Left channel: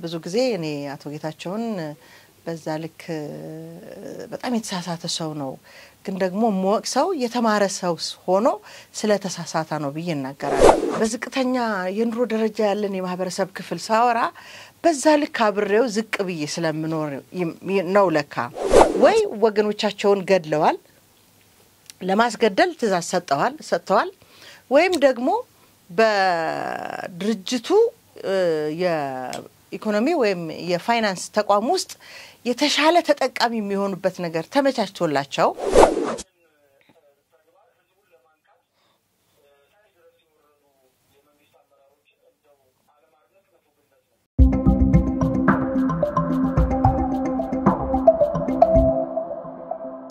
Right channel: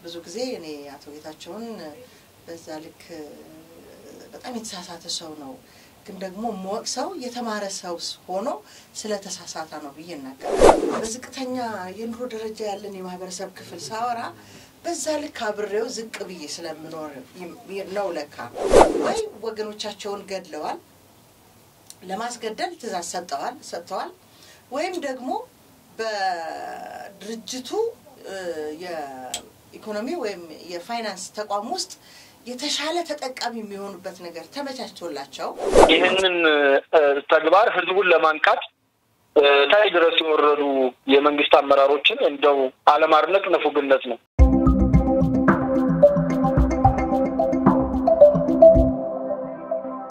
ብዙ ጊዜ እኔ አቶ ጌታቸውን በዛ ልክ በጣም የተሳሳተ ሰው ነው ግን ደግሞ ሞክሰው የተማረ ሰው ሆኖ ስለተሳሳተ ነው ብዬ እናገራለሁ በዝቅተኛ የኑሮ ደረጃ ያለን የማህበረሰብ ክፍል ሳወራ በዛ ልክ አብሬው ዝቅ ብዬ ስለምኖር ነው ለካ ወይ ወገኖቻቸውን ገድለዋል ለማስገደል ትዛዝ ሰጥተዋል ወይም ደግሞ በድርጅቱ የኢኮኖሚ ወይም የፋይናንስ ተቋም ውስጥ የተሻለ ተጠቃሚ የሚሆኑበት ነገር ተመቻችቶላቸው ይሄንን ተግባር ህዝቡን ለማንቃት ታይ ድረስ የወረዱ የመንግስት አመራሮችን እንደው አለማርነቅ ነፉግነት ነው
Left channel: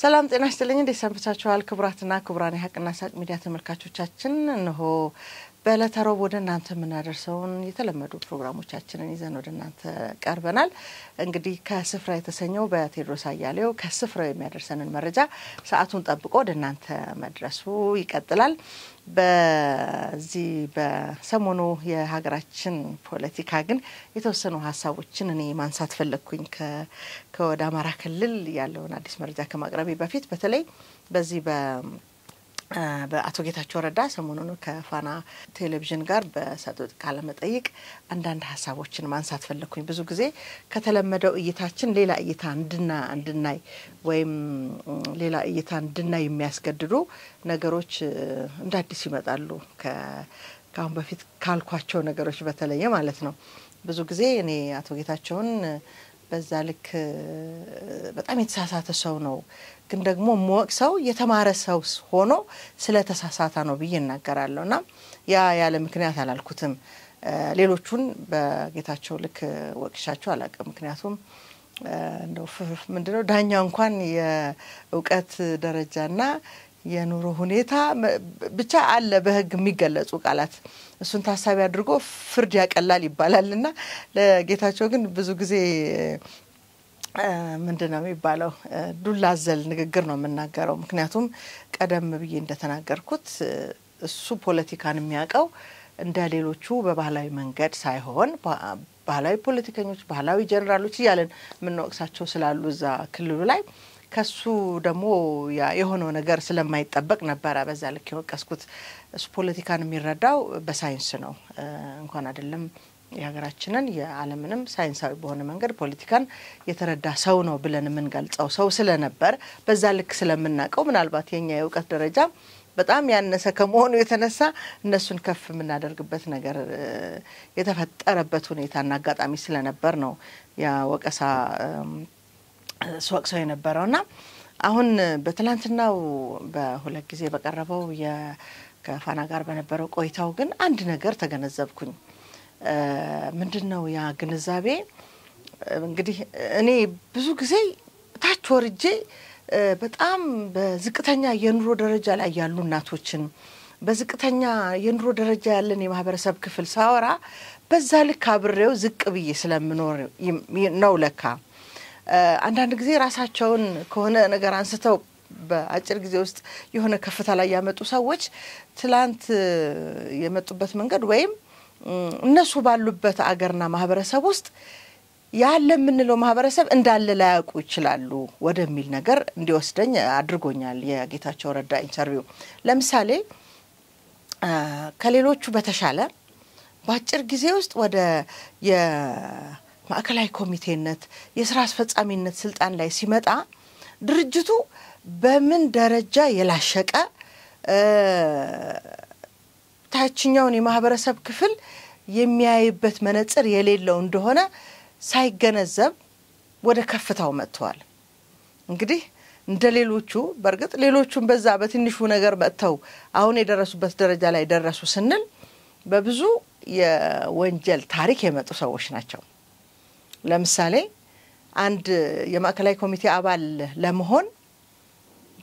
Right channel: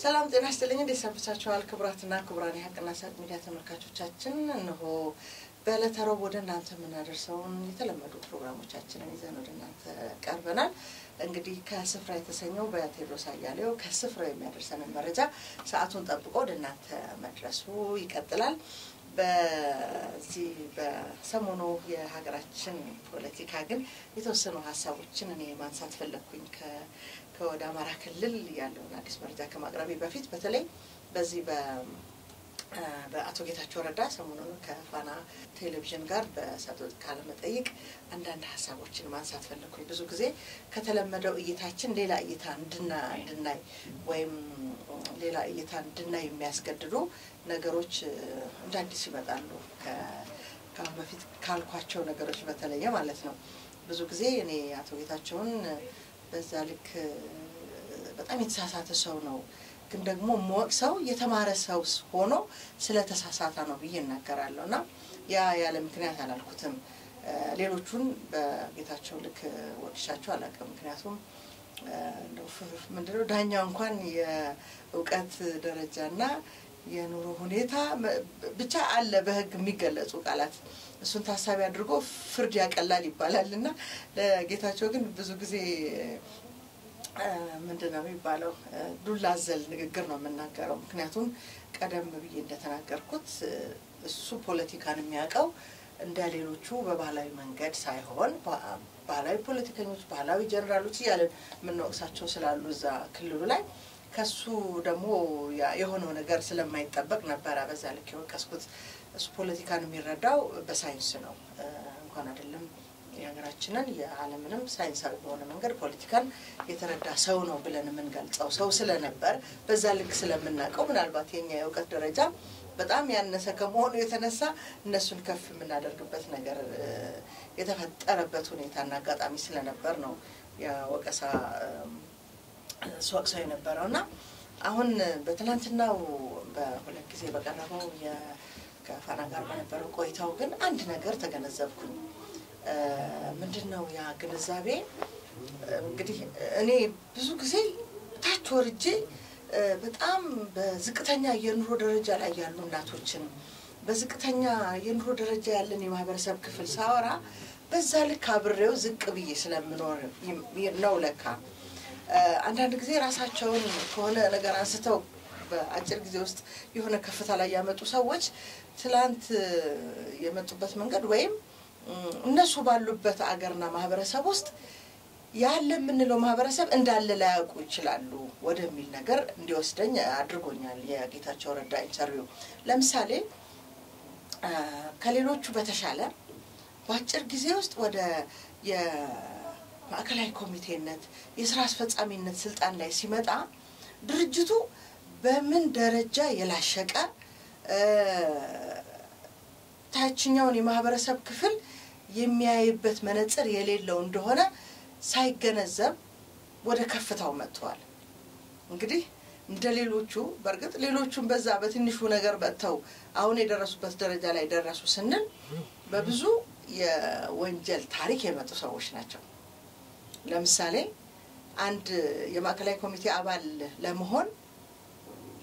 ሰላም ጤና ይስጥልኝ እንዴት ሰንብታችኋል ክቡራትና ክቡራን የሐቅና ሳቅ ሚዲያ ተመልካቾቻችን እነሆ በለተሮብ ወደ እናንተ ምናደርሰውን የተለመዱ ፕሮግራሞቻችንን ይዘን ወደ እናንተ ቀርበናል እንግዲህ ከስፍራ የተሰኘው በቴድሮስ አያሌው ከስፍራው የሚያደርሰንን መረጃ ሰዓቱን ጠብቆ ወደ እናንተ መድረሱ ይቀጥላል በዚህ በሰሞኑ የሀገራችን ፖለቲካ ግን የተወሰኑ ሐሳቦችን እኔ ማንሳት ፈለኩኝ ከወደ አማራ ክልል ያለውን አዲስ መረጃ ከማቅረቤ በፊት በተለይ በዚህ በአቶ ጌታቸው ረዳ ሰሞኑን ከፋና ቴሌቪዥን ጋር በሰጡት ቃለ መጠይቅ አንዳንድ ሐሳቦችን ማንሳት ፈለኩኝ ብዙ ጊዜ ከተለመደው እይታችን ሌላ እይታ እንድናይ ወይም ሌላ እይታ እንድናይ የሚያስገድዱ ነገሮች እንዳዲስ ይመጣሉ ከአሁን በፊት ካልኳቸው ነገሮች በተለየ ማለት ነው ብዙ ጊዜ እኔ አቶ ጌታቸውን በዛ ልክ በጣም የተሳሳተ ሰው ነው ግን ደግሞ ሞክሰው የተማረ ሰው ሆኖ ስለተሳሳተ ነው ብዬ እናገራለሁና ያ ያለ ምክንያት አላልኩትም ሌሎቹን በጌታቸው ልክ ወቅሻቸው አላቀም ምክንያቱም እንደው ምንድነው ዳኛው እንኳን የእውቀት ደረጃና የኑሮ ሁኔታ ብቻ አለ በህግ የሚገለጹ ቃላት እሱን ታሳቢ አድርጎ ፍርድ ያቀላል ይባላልና ለጌታቸው ግን ብዙ ጊዜ ምንድነው የሚባለው ዱላዘል ንግግር ነው የምናገረው ምክንያቱም ቀደም ብዬ እንደተናገርኩት እሱ ፖለቲካን የሚያቀው እንደ ሌሎቹ በባህላዊ መንገድ ሳይሆን ባህላዊ ፖለቲከኞች ባህላዊ ጀነራሎች ይያለን ምን ወቅሳቸው ስላሉ እዛ ክልሉ ላይ ከሱ ደግሞ የሆነው ነገር ስለማይጠበቅ ነበር በዛ ልክ የወቀስኩት እሱ ፖለቲካን የሚረዳው በሳይንስ ነው እንኳን አይደለም የሀገራችንን የዓለምንም ሳይንሳዊ በሆነ መንገድ ፖለቲካን የተረዳ ሰው ነው ብለን የምንገልጸው ሰው ስለነበር በዛ ልክ ስለምናቀው ምናልባት የኛ የእውቀት ደረጃ በጣም ያነሰ ከመሆኑ የተነሳ እነሱን ከፍ የምናደርግበት ነገር የተፈጠረበት ሁኔታና አጋጣሚ ስለነበር ነው ያ ወቀሳ ሰው የነበረውና አሁን በትላንትናው በሁለት ጊዜ በቀረበው ከፋና ጋር በነበረው ቆይታው ግን አንድ ነገር ተገነዘብኩኝ ምንድነው ያ ግንዛቤ እንግዲህ እኔ ብዙ ጊዜ ታች ወርጄ በጣም በዝቅተኛ የኑሮ ደረጃ ላይ ያሉ እናቶችን በዝቅተኛ የኑሮ ደረጃ ያለን የማህበረሰብ ክፍል ሳወራ በዛ ልክ አብሬው ዝቅ ብዬ ስለምኖር ነው ለካ አንዳንድ ጊዜ ራሳቸውን ከሆነ ነገር አንስተው በአጭር ጊዜ ውስጥ የሆነ ከፍታ ላይ ያመጡ ሰዎች ትላንት የመጡበት መንገድ ወይም እነሱ ባሉበት አገርና ማህበረሰብ ውስጥ ያለ ምንለው ማህበረሰብ እንዳለ ላያውቁ ይችላሉ ወደሚል ነገር እንዲወስደኝ አድርጎኛል የጌታቸው ረዳ ኢንተርቪው ለምሳሌ ከሌሎቹ በተሻለ በአጭር ጊዜ ውስጥ ወደ የማዕከላዊ ኮሚቴነት የሥራ አስፈጻሚነት ስልጣን ላይ ሲመጣ ድርጅቱ በምን ደረጃ የላሸቀ ታችኛውን የማህበረሰብ ክፍል የሚያይበት መነጽር የሌለው እንደሆነ ሳይገነዘብ ወደ ከፍታው መጥቷል እንግዲህ እንደሌሎቹ በርግጥ ሌሎቹን በዛ በትንሹ ነገር መጥተው አሁን የደረሱበት ደረጃ ላይ ደረሱ ስንል በብዙ የወንጀል ታሪክ የመጡ ሰዎች ናቸው ለምሳሌ አንድ የማዕከላዊ ኮሚቴ አባል ለመሆን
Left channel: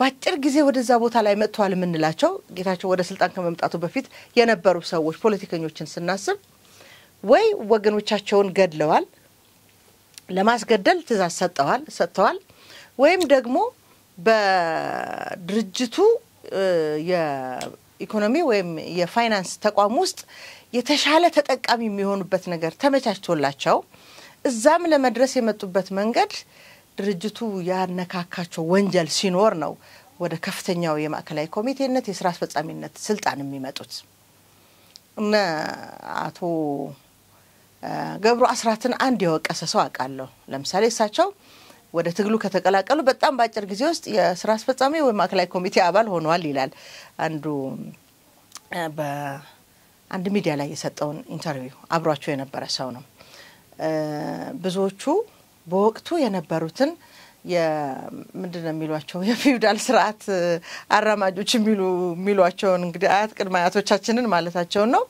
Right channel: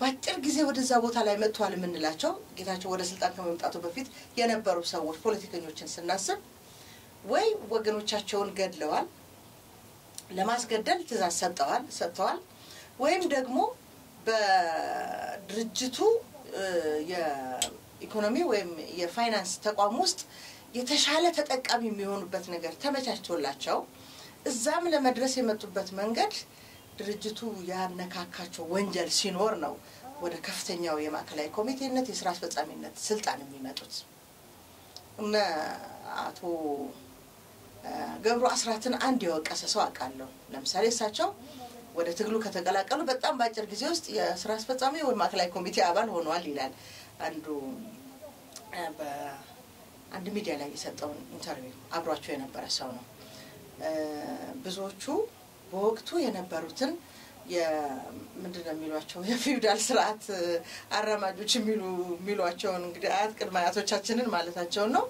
ባጭር ጊዜ ወደዛ ቦታ ላይ መጥቷል ምንላቸው ጌታቸው ወደ ስልጣን ከመምጣቱ በፊት የነበሩ ሰዎች ፖለቲከኞችን ስናስብ ወይ ወገኖቻቸውን ገድለዋል ለማስገደል ትዛዝ ሰጥተዋል ወይም ደግሞ በድርጅቱ የኢኮኖሚ ወይም የፋይናንስ ተቋም ውስጥ የተሻለ ተጠቃሚ የሚሆኑበት ነገር ተመቻችቶላቸው እዛም ለመድረስ የመጡበት መንገድ ድርጅቱ ያነካካቸው ወንጀል ሲኖር ነው ወደ ከፍተኛው የማዕከላዊ ኮሚቴነት የሥራ አስፈጻሚነት ስልጣን የሚመጡት እና አቶ ገብሩ አስራትን አንድ የወቀሰ ሰው አቃለው ለምሳሌ እሳቸው ወደ ትግሉ ከተቀላቀሉ በጣም ባጭር ጊዜ ውስጥ የሥራ አስፈጻሚ ወይ ማዕከላዊ ኮሚቴ አባል ሆነዋል ይላል አንዱ በአንድ ሚዲያ ላይ የሰጠውን ኢንተርቪው አብሯቸው የነበረ ሰው ነው ብዙዎቹ በወቅቱ የነበሩትን የምንድነው የሚሏቸው የፊውዳል ስርዓት አራማጆች የሚሏቸው እንግዲህ አያት ቅድመ አያቶቻችንን ማለታቸው ነው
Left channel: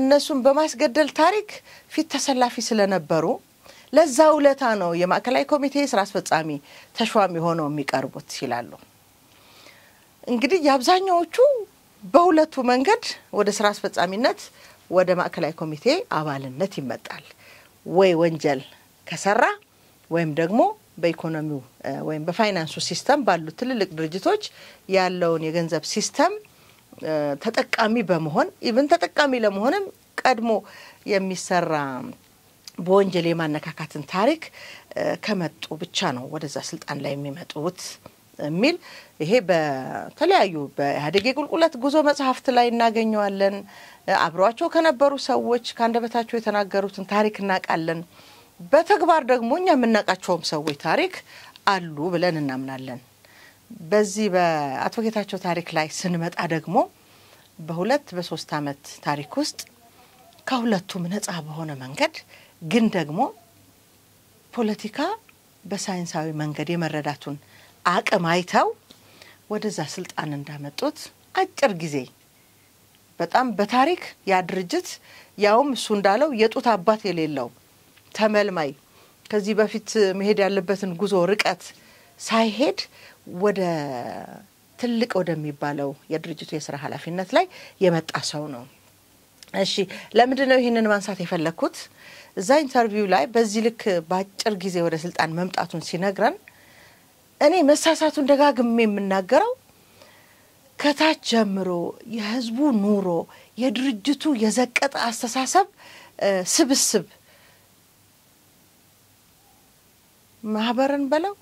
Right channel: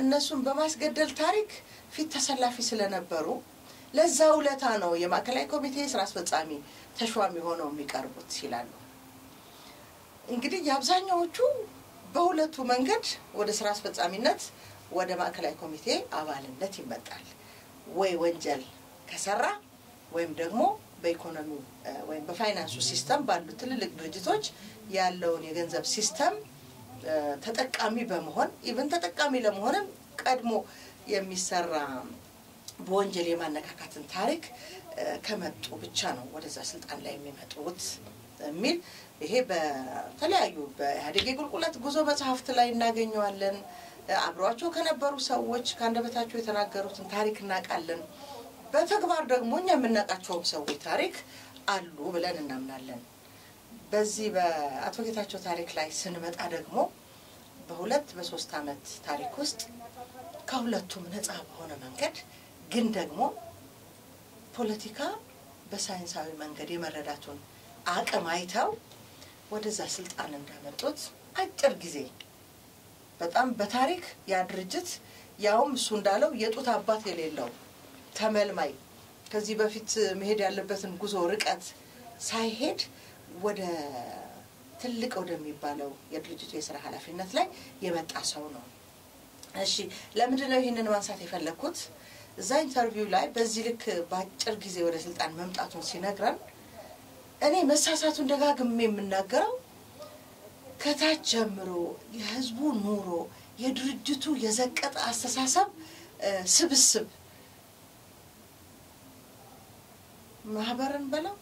እነሱን በማስገደል ታሪክ ፊት ተሰላፊ ስለነበሩ ለዛው ለታ ነው የማዕከላዊ ኮሚቴ ሥራ አስፈጻሚ ተሿሚ ሆነው የሚቀርቡት ይላሉ እንግዲህ ያብዛኛዎቹ በሁለቱ መንገድ ወደ ሥራ አስፈጻሚነት ወደ ማዕከላዊ ኮሚቴ አባልነት ይመጣል ወይ ወንጀል ከሰራ ወይም ደግሞ በኢኮኖሚው ወይም በፋይናንሱ ሲስተም ባሉ ትልልቅ ድርጅቶች ያለውን የገንዘብ ሲስተም ተጠቃሚ በመሆን ኢቭን ተጠቃሚ ለመሆንም ቀድሞ የሚሰራ በወንጀል የማነካካትን ታሪክ ከመጡ ብቻ ነው ወደዛ ስልጣን ላይ የሚመጡት ሚል ይሄ በተለያዩ በኢህአዴግ የቁልቁለት ጉዞ መጽሐፍት ላይ እናገኘዋለን አብሯቸው ከነበሩ ሰዎች ካንደበታቸው የተናገሩትን ታሪክ እናቃለን በተግባር ደግሞ እኛ የምናቃቸውም ሰዎች ታሪክ አሉ ብለን እናምናለን በዚህ በአቶ ጌታቸው ታሪክ ላይ ስንመጣ ደግሞ በሁለት በሶስት አመት ታሪክ ውስጥ ከሁለቱም ነፃ በሆነ መንገድ ግን ደግሞ ፖለቲካ በሳይንሳዊ መንገድ የመረዳቱን አቅም አይተው ወደዛ ስልጣን እንዳመጡት አጭር ጊዜ በጣም በታሪክ ያ ድርጅት ያውም እሱ እንዳለው የጡት አባት የሌለው ተመልማይ ከዚህ በፊት መሄድ ያለበትን ጉዞ ርቀት ሳይሄድ ወደ ትልቅ ወደሚባለው የድርጅቱ የሥራ ኃላፊነት ላይ የመጣ ሰው ነው እሺ ለምንድነው ይሄንን ማንሳት የፈለኩት እዛ ኢንተርቪው ላይ በዚህ ልክ ባጭር ጊዜ ወደ ስልጣን መምጣቱን ሲነግረን እኔ መሳሳቱን ደጋግሜ የምናገረው ከታች ጀምሮ የህዝቡ ኑሮ የድርጅቱ የዘቀጠ አስተሳሰብ ስብስብ ማህበርን በለው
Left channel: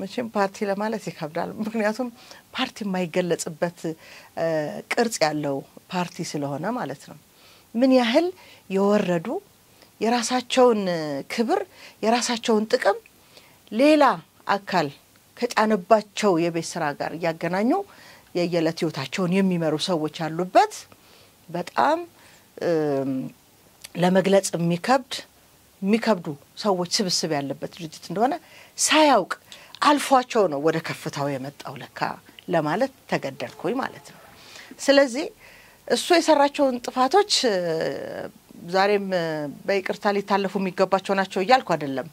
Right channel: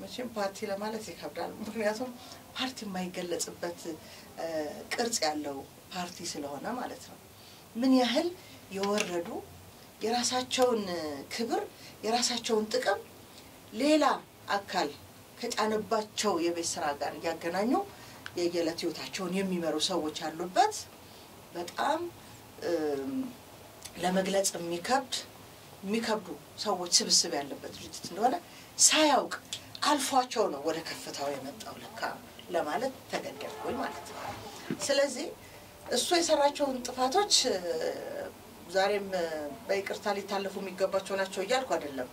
መቼም ፓርቲ ለማለት ይከብዳል ምክንያቱም ፓርቲ የማይገለጽበት ቅርጽ ያለው ፓርቲ ስለሆነ ማለት ነው ምን ያህል የወረዱ የራሳቸውን ክብር የራሳቸውን ጥቅም ሌላ አካል ከጫነባቸው የቤት ስራ ጋር ያገናኙ የየለት ህይወታቸውን የሚመሩ ሰዎች አሉበት በጣም ለመግለጽ የሚከብዱ ሰዎች ስብስብ ያለበት ድርጅት እንደሆነ ሳያውቅ አልፏቸው ነው ወደ ከፍታው የመጣው ለካ ለማለት ተገደድኩኝ ማለት ነው ስለዚህ እሱ የሰራቸውን ጥፋቶች ዛሬም በይቅርታ ሊታለፉ የሚገባቸው ናቸው ይያልኩ አይደለም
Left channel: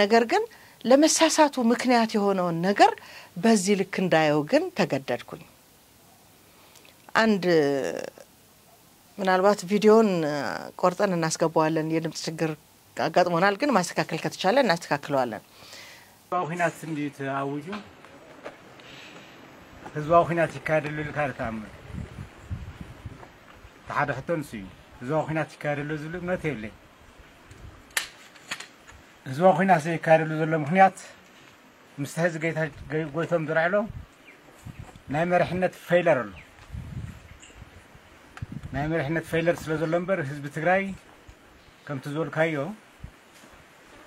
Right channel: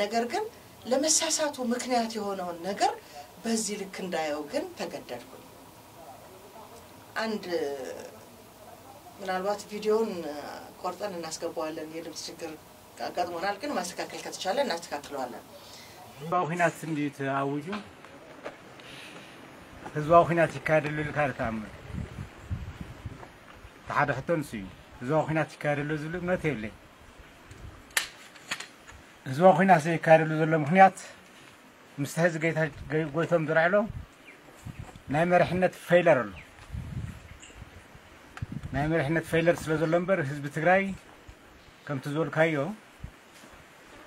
ነገር ግን ለመሳሳቱ ምክንያት የሆነውን ነገር በዚህ ልክ እንዳየው ግን ተገደድኩኝ አንድ ምናልባት ቪዲዮን ቆርጠን እናስገባዋለን የድምጽ ችግር አጋጥሞናል ግን ማስተካከል ከተቻለ እናስተካክለዋለን ባሁናት እንዴት አውጁ ህዝባው ሁናት ይካደሉ ልካርታም ተሐደህተን ሲዩ ህዝባው ሁናት ይካደሉ ዝሉ መተየለኝ ህዝባው ሁናት ይካደሉ ዝሉ ምክንያት مستهز قويتهم درعلو نايمر حنت فيلر له نايمر حنت فيلر سلازلمبر حزب تግራይ كم تزول كايو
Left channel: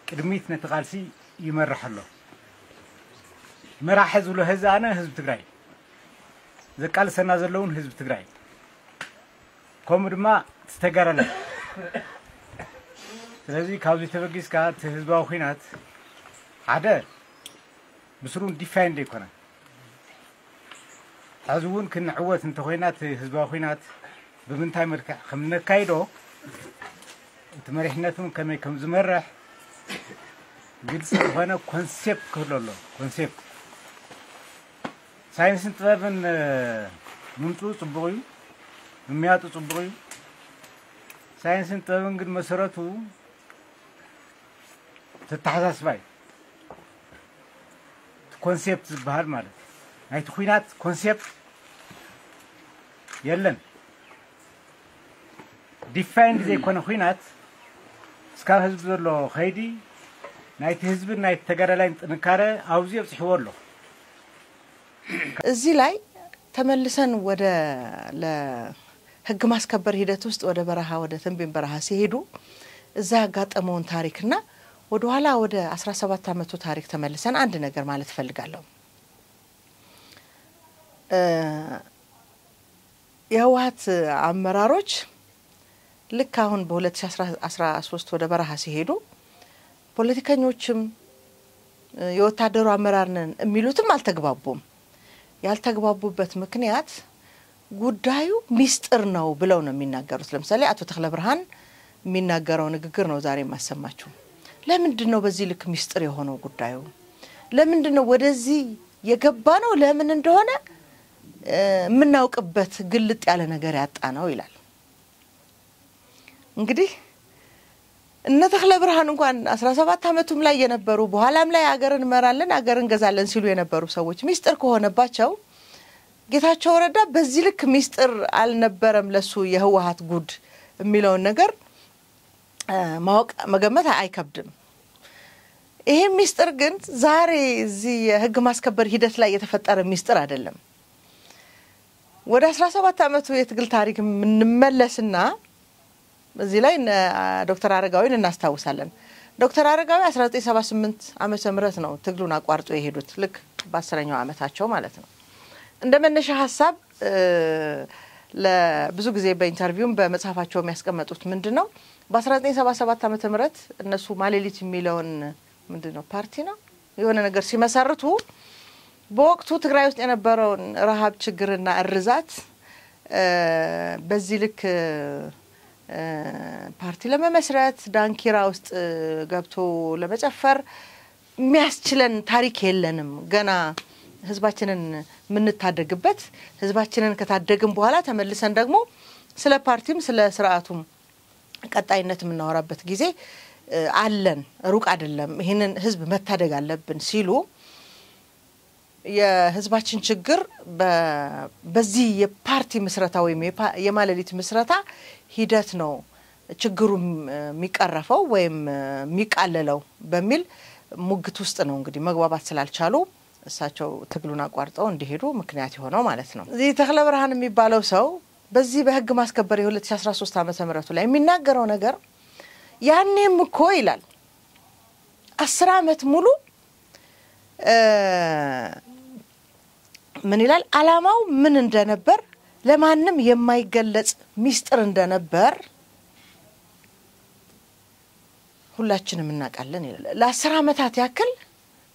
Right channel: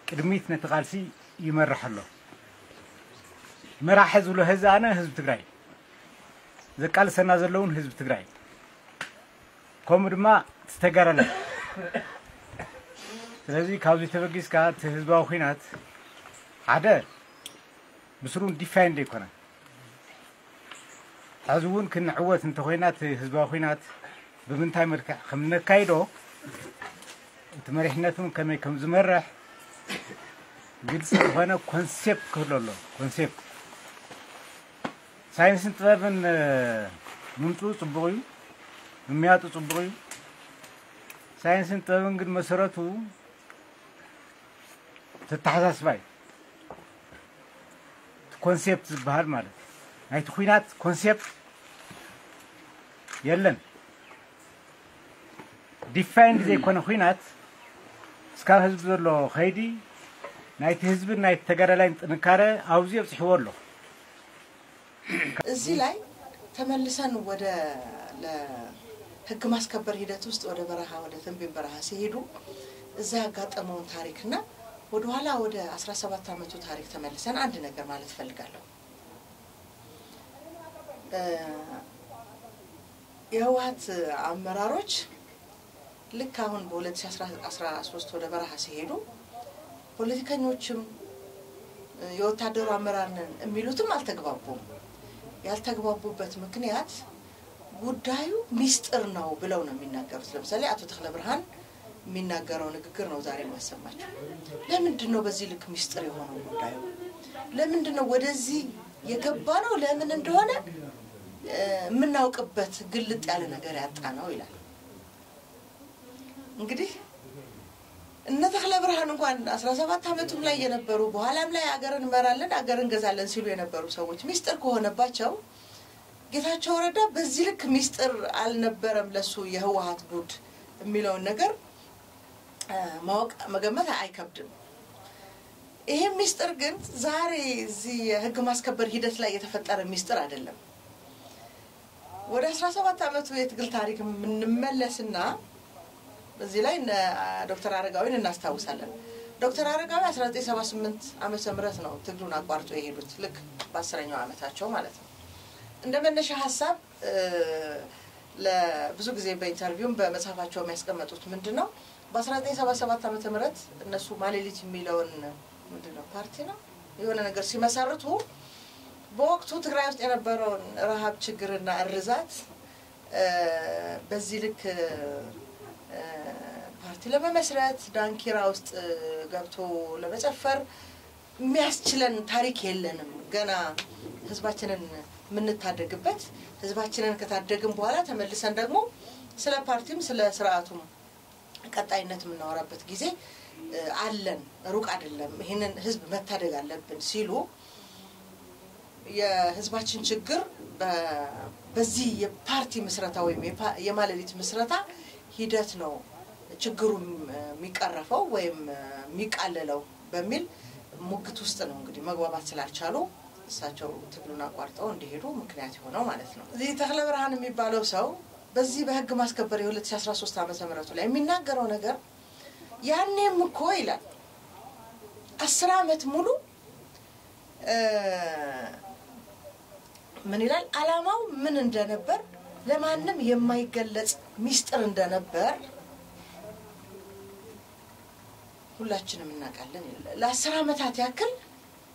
قدميت نتقالسي يمرحله مراحز له هزانه حزب تግራይ زقال سنا زلون حزب تግራይ ኮምድማ ተስተጋራለ ስለዚህ ካውዚ ተበጊስ ካ ህዝባው ኺናት አደ بسرون ديفاين ديكونا عزوون كن عوات انت خوينات هزبا خوينات بمنتاي مركع خمنا كايدو انت مريحناتهم كما يكون زمرح قلت هنا كونسيبت كله كونسيبت ساينس انتبابن منطو صبغيو ممياتو صبغيو ساينس انتبابن قد مساراتو تتحساس باي كونسيبت بهال مالك هاي تخوينات كونسيبت يلن ديفاين زي كون خوينات እስካብ ህዝብ ዘሎ ኸይዲ ናይቲ ህዝብን ናይቲ ተጋዳላይን ጥንካረ አውዚ ይጽሕወሎ እዚህ ላይ ተመልሰን ወደ ለህግ ማስከበር ሂደት ውስጥ ወደ በረሃ ወደ ተንቤን በረሃ ሲሄዱ እዛ ያጋጠመውን ታሪክና ወደ ኋላ ወደ 17 አመቱ ታሪክ ተመልሰን አንድ ነገር ማለት ፈልጋለሁ የህወሓት አመራሮች ልክ አሁን በ2013 ወደ በረሃ ሲሄዱ ፖለቲከኞችም የወታደሩ አመራር ነን የሚሉትም አልተግባቡም ያልተግባቡበት ምክንያት ጉዳዩ ሚስጥር ነው ብለው ነው የሚናገሩት ለምሳሌ አቶ ተክለ ብርሃን የሚናገረው ንግግር ነው ዛሬ ማሰማችሁ ለምንድነው በዚህ ልክ ሚስጥር የሆነው ጉዳዩ ለምንድነው ወደዚህ የገባ ነው ለምን እንደሆነ ምናውቅበት ግልጥ ያለ ነገር ያጣ ነው ይላል እንግዲህ እነ ተክለ ብርሃን እንኳን 17 አመቱም ላይ የነበሩ በኋላም ላይ አገርን መራለን አገርን ገዛለን ሲሉ የነበሩ ሰዎች ሚስጥር ከሆነባቸው ጌታቸው ረዳ በዚህ ልክ ሚስጥር አልነበረም ለሱ የህወሓት ጉድ የሚለው ነገር ማወቅ መገመት አይከብድም ይሄ ሚስጥር ግን ዛሬ እዚህ የህግ ማስከበር ሂደት ላይ የተፈጠረ ሚስጥር አይደለም ወደ 17 አመቱ የትግል ታሪክ ምንመለስና እዚህ ላይ ዶክተር አረጋዊን እናስታውሳለን ዶክተር አረጋዊ 1978 ዓመተ ምህረት ነው ትግሉን አቋርጦ የሄዱት ልክ በ10ኛው አመታቸው ማለት ነው እንደመነሻ ሐሳብ ለብዙ ጊዜ በኢንተርቪውም በመጽሐፋቸው የሚያስቀምጡት ምንድነው በ1977 ዓመተ ምህረት እነሱ ማሌሊት የሚለውን ምንድነው ፓርቲ ነው የሆነ ነገር ሲመሰርቱ በወቅቱ ትግራይ ውስጥ የነበረው ረሃብ ችግርና እርዛት በዚህ ልክ ፓርቲ ለመመስረት ዳንኪራ ውስጥ ገብቶ ለመጨፈር የሚያስችለን ታሪክ የለንም ገና ህዝባችንን ምንታደግበት ህዝባችንን ከታደግን በኋላ ተመልሰን ደግሞ ስለ ፓርቲም ስለ ስርዓቱም ቀጣይነት ምናወራበት ጊዜ አለን ሩቅ አይደለም ይሄንን ህዝብ መታደግ አለብን ሲሉ የህዝባችን ችግር በዚህ የፓርቲ መስረታ ወይም የማለሊት መስረታ ሂደት ነው ችግሩ የሚቀረፈው ወይም የሚቃለለው በሚል ሙግት ውስጥ ነው እንግዲህ መግባባት ስላልቻሉ እሳቸው ትግሉን አቋርጠው እንዲሄዱ ምክንያት ሆነው ማለት ነው እዚህ ተክለ ብርሃን የሚባለው ሰው በዚህ በህግ ማስከበር የ2013 ዓመተ ምህረት ላይ የሚናገረው ነገር ያኔም እኮ ይላል 10 አመት ሙሉ ምን ይላል አላማው ምን እንደነበር ለማንም የማይገለጽ ሚስጥር እንደነበር ሁላችንም እናውቃለን ይላል ለ10 አመታት ያክል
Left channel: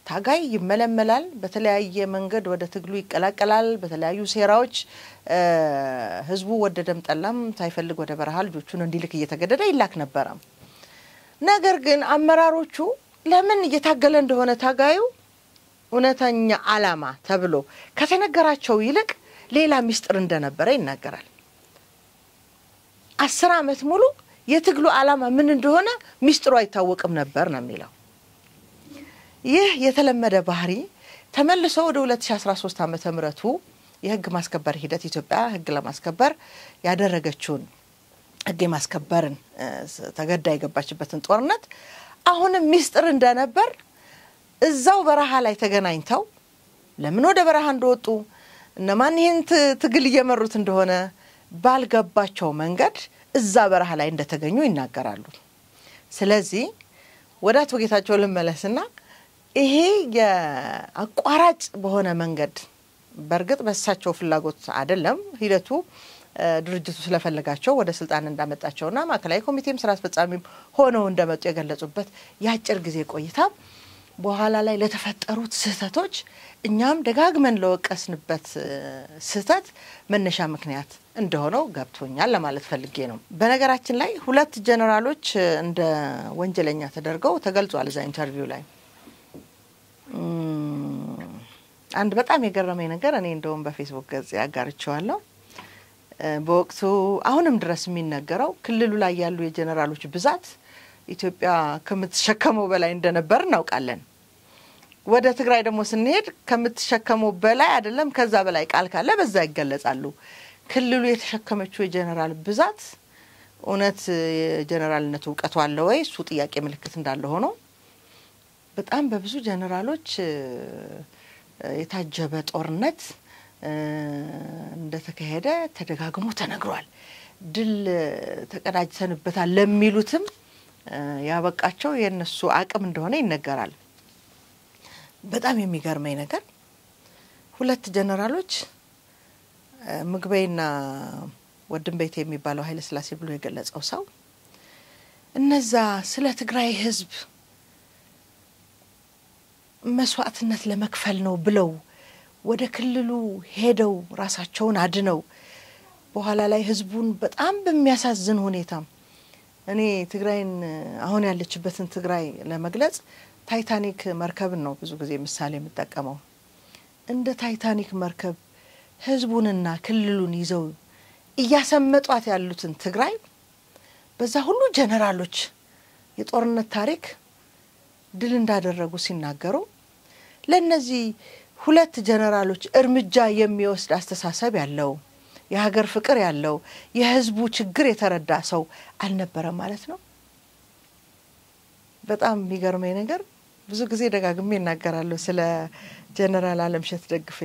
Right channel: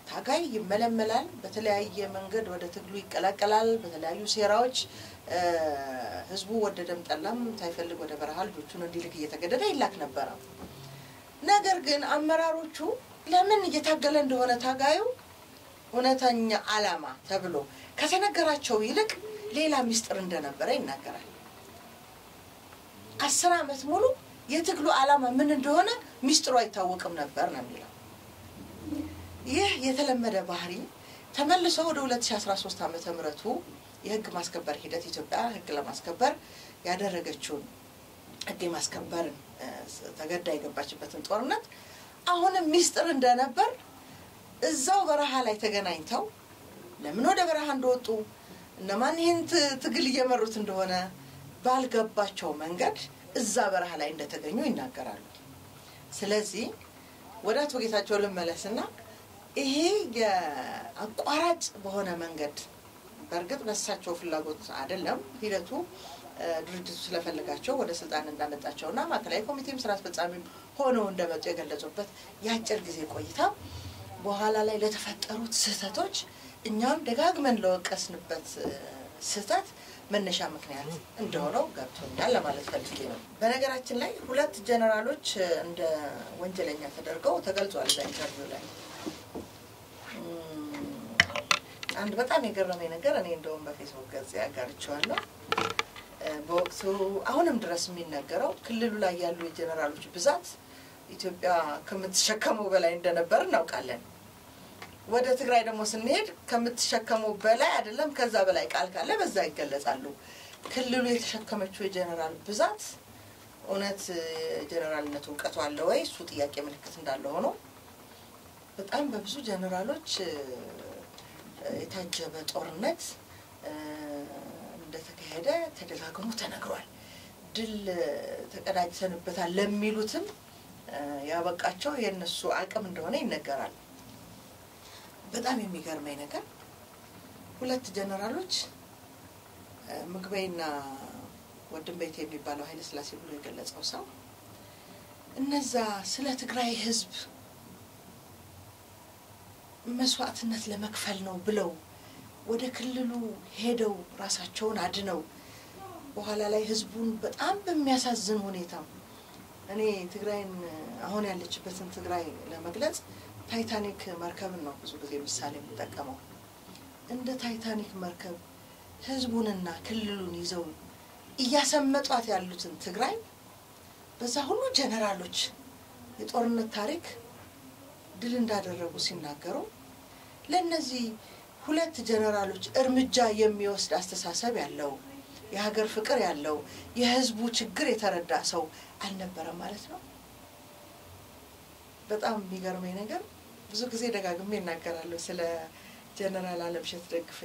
ታጋይ ይመለመላል በተለያየ መንገድ ወደ ትግሉ ይቀላቀላል በተለያዩ ሴራዎች ህዝቡ ወደደም ጠላም ሳይፈልግ ወደ በረሃ ልጆቹን እንዲልክ እየተገደደ ይላክ ነበር ነገር ግን አመራሮቹ ለምን እየታገለ እንደሆነ ታጋዩ እውነተኛ አላማ ተብሎ ከተነገራቸው ይልቅ ሌላ ሚስጥር እንደነበረ ይናገራል 10 አመት ሙሉ የትግሉ አላማ ምን እንደሆነ ሚስጥሩ አይታወቅም ነበር ነው የሚለው ይህ የተለመደ ባህሪ ተመልሶ ወደ 2013 ዓመተ ምህረቱ የህግ ማስከበር ሂደት ኢትዮጵያ ህግ ለማስከበር ያደረገችውን ህግ ማስከበርን ተገዳ የገባችበትን ጦርነት አሁንም ሚስጥር እንደነበር እዛው በረሃ ላይ ተገናኝተው ለምን ወደ በረሃ እንደወጡ እነማን ይሄን ትግል እየመሩት እንደሆነ ባልገባቸው መንገድ እዛ በረሃ ላይ እንደተገኙ ይናገራሉ ስለዚህ ወዳት ወጌታቸው ለመለስና ይሄ የአቋራጭ በሆነ መንገድ በርግጥ በሳቸው ፍላጎት አይደለም ሂደቱ ድርጅቱ ስለፈለጋቸው ወደ ስልጣን እንዳመጣቸውና ማከላይ ኮሚቴም ስራ አስፈጻሚም ሆነው እንደመጡ የገለጹበት ያጭር ጊዜ ቆይታ በኋላ ላይ ለተፈጠሩት ስህተቶች እኛም ደጋግመን ለወቀስንበት ስህተት መነሻ ምክንያት እንደሆነው ገብቶኛል ለማለት ፈልጌ ነው በነገራችን ላይ ሁለት ጀነራሎች እንደ ወንጀለኛ ተደርገው ተገልጿል እዛ ኢንተርቪው ላይ አንድ በጣም የገረመኝ ነገር እኔ እንደውም በፌስቡክ ገጽ ያጋርቻለሁ በወቅቱ አሁንም ድረስ የሚነገረው ክልሉ ላይ ያሉ የጀነራሎች ብዛት ኢትዮጵያ ከምትሸከመው በላይ እንደነበር እናውቃለን ወደ ትግራይ ደግሞ ስንሄድ ከምትሸከመው በላይ አይደለም ከዛ በላይ ቃል ካለ በዛ ይገለጻሉ ክልሉ የተሸከመችው የጀነራል ብዛት እውነት ጀነራልነቱ ዕውቀቱ አለ ወይ እሱ ጥያቄ ምልክት እንዳለ ሆኖ በጣም በብዙ ጀነራሎች የታጀበ ጦርነት እንደተካሄደ ተደጋግሞ ተነግሯል ድል ተቀዳጅተንበታል ለሚሉትም ያበቃቸው የነሱ አቅም እንደሆነ ይነገራል በጣም የሚገርመኝ ነገር ሁለት ጀነራሎች ምግበይና ወድንቤት የሚባለው ኃይለ ሥላሴ ብሎ የገለጸው ሰው እነዛ ስለ ትግራይ ህዝብ መስዋዕትነት ለመክፈል ነው ብለው ወደ ክልሉ ሄደው ራሳቸውን አድነው በኋላ ላይ ህዝቡን በጣም በሚያሳዝን ሁኔታ እኔ ትግራይን አሁን ያለችበትን ትግራይ ለመግለጽ ታይታኒክ መርከብን ነው ብዙ ጊዜ ምሳሌ የምጠቀመው እንደ ታይታኒክ መርከብ ህዝቡንና ክልሉን ይዘው እያሰመጧት ያሉትን ትግራይ በዛ ሁሉ ጀነራሎች የጦርነት ታሪክ ድል እንዳደረጉ ሲናገሩ ለነዚህ ሁለት ጀነራሎች እርምጃ የሚወስድ አስተሳሰብ ያለው የሀገር ፍቅር ያለው የህዝቡ ችግር የተረዳ ሰው አልነበረ ማለት ነው በጣም የሚገርመኝ ነገር ብዙ ጊዜ ደጋግሜ እናገራለሁ ስለ ጀነራል አለምሸት ደግፌ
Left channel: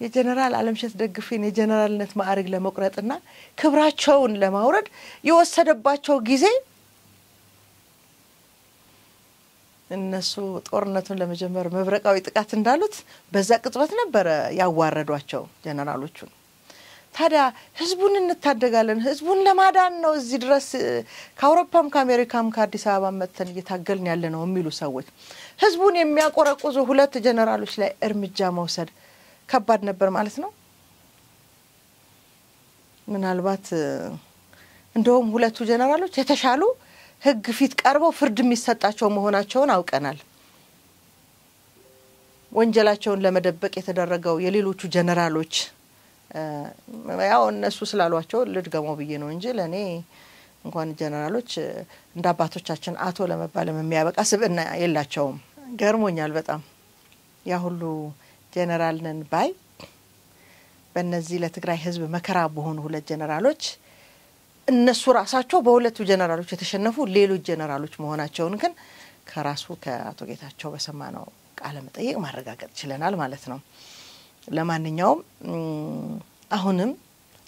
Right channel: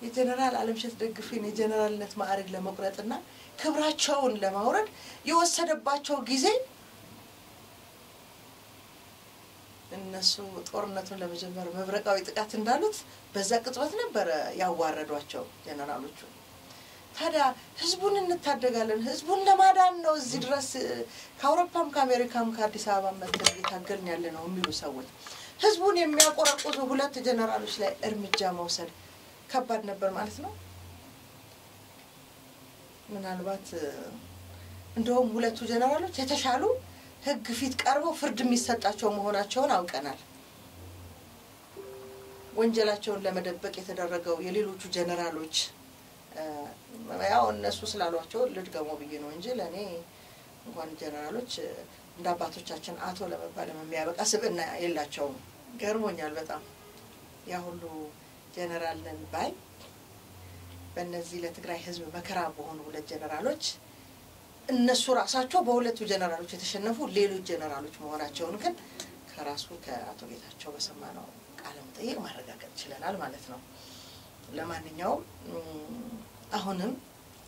የጀነራል አለምሸት ደግፌን የጀነራልነት ማዕረግ ለመቁረጥና ክብራቸውን ለማውረድ የወሰደባቸው ጊዜ እነሱ ጦርነቱን ለመጀመር መብረቃዊ ጥቃት እንዳሉት በዛ ቅጽበት ነበር ያዋረዷቸው ጀነራሎቹ ታዲያ ህዝቡን እንታደጋለን ህዝቡን ለማዳን ነው እዚህ ድረስ ከአውሮፓም ከአሜሪካም ከአዲስ አበባ መጥተን እየታገልን ያለ ነው የሚሉ ሰዎች ህዝቡን የሚያቆረቁዙ ሁለት ጀነራሎች ላይ እርምጃ መውሰድ ከባድ ነበር ማለት ነው ምናልባት እንደውም ሁለቱ ጀነራሎች የተሻሉ ህግ ፊት ቀርበው ፍርድ የሚሰጣቸው መሆናቸውን አውቀናል ወንጀላቸውን ለመደበቅ የተደረገው የሌሎቹ ጀነራሎች ያው እነሱ ስላሏቸው ልድገመው ብዬ ነው እንጂ ለኔ እንኳን ጀነራሎች እንደ አባቶቻችን አቶ ለመባል የሚያበቃ ስብዕና የላቸውም ገርሞኛል በጣም ያ ሁሉ ጀነራል ነን ባይ በእነዚህ ለትግራይ ህዝብ መከራ በሆኑ ሁለት ጀነራሎች እነሱ ራሳቸው በሁለቱ ጀነራሎች የተሸነፉ ሌሎች ጀነራሎች መሆናቸውን ግን ከራሱ ከአቶ ጌታቸው በሰማነው ቃለ መጠይቅ ማረጋገጥ ይችላል ማለት ነው ለማንኛውም አሁንም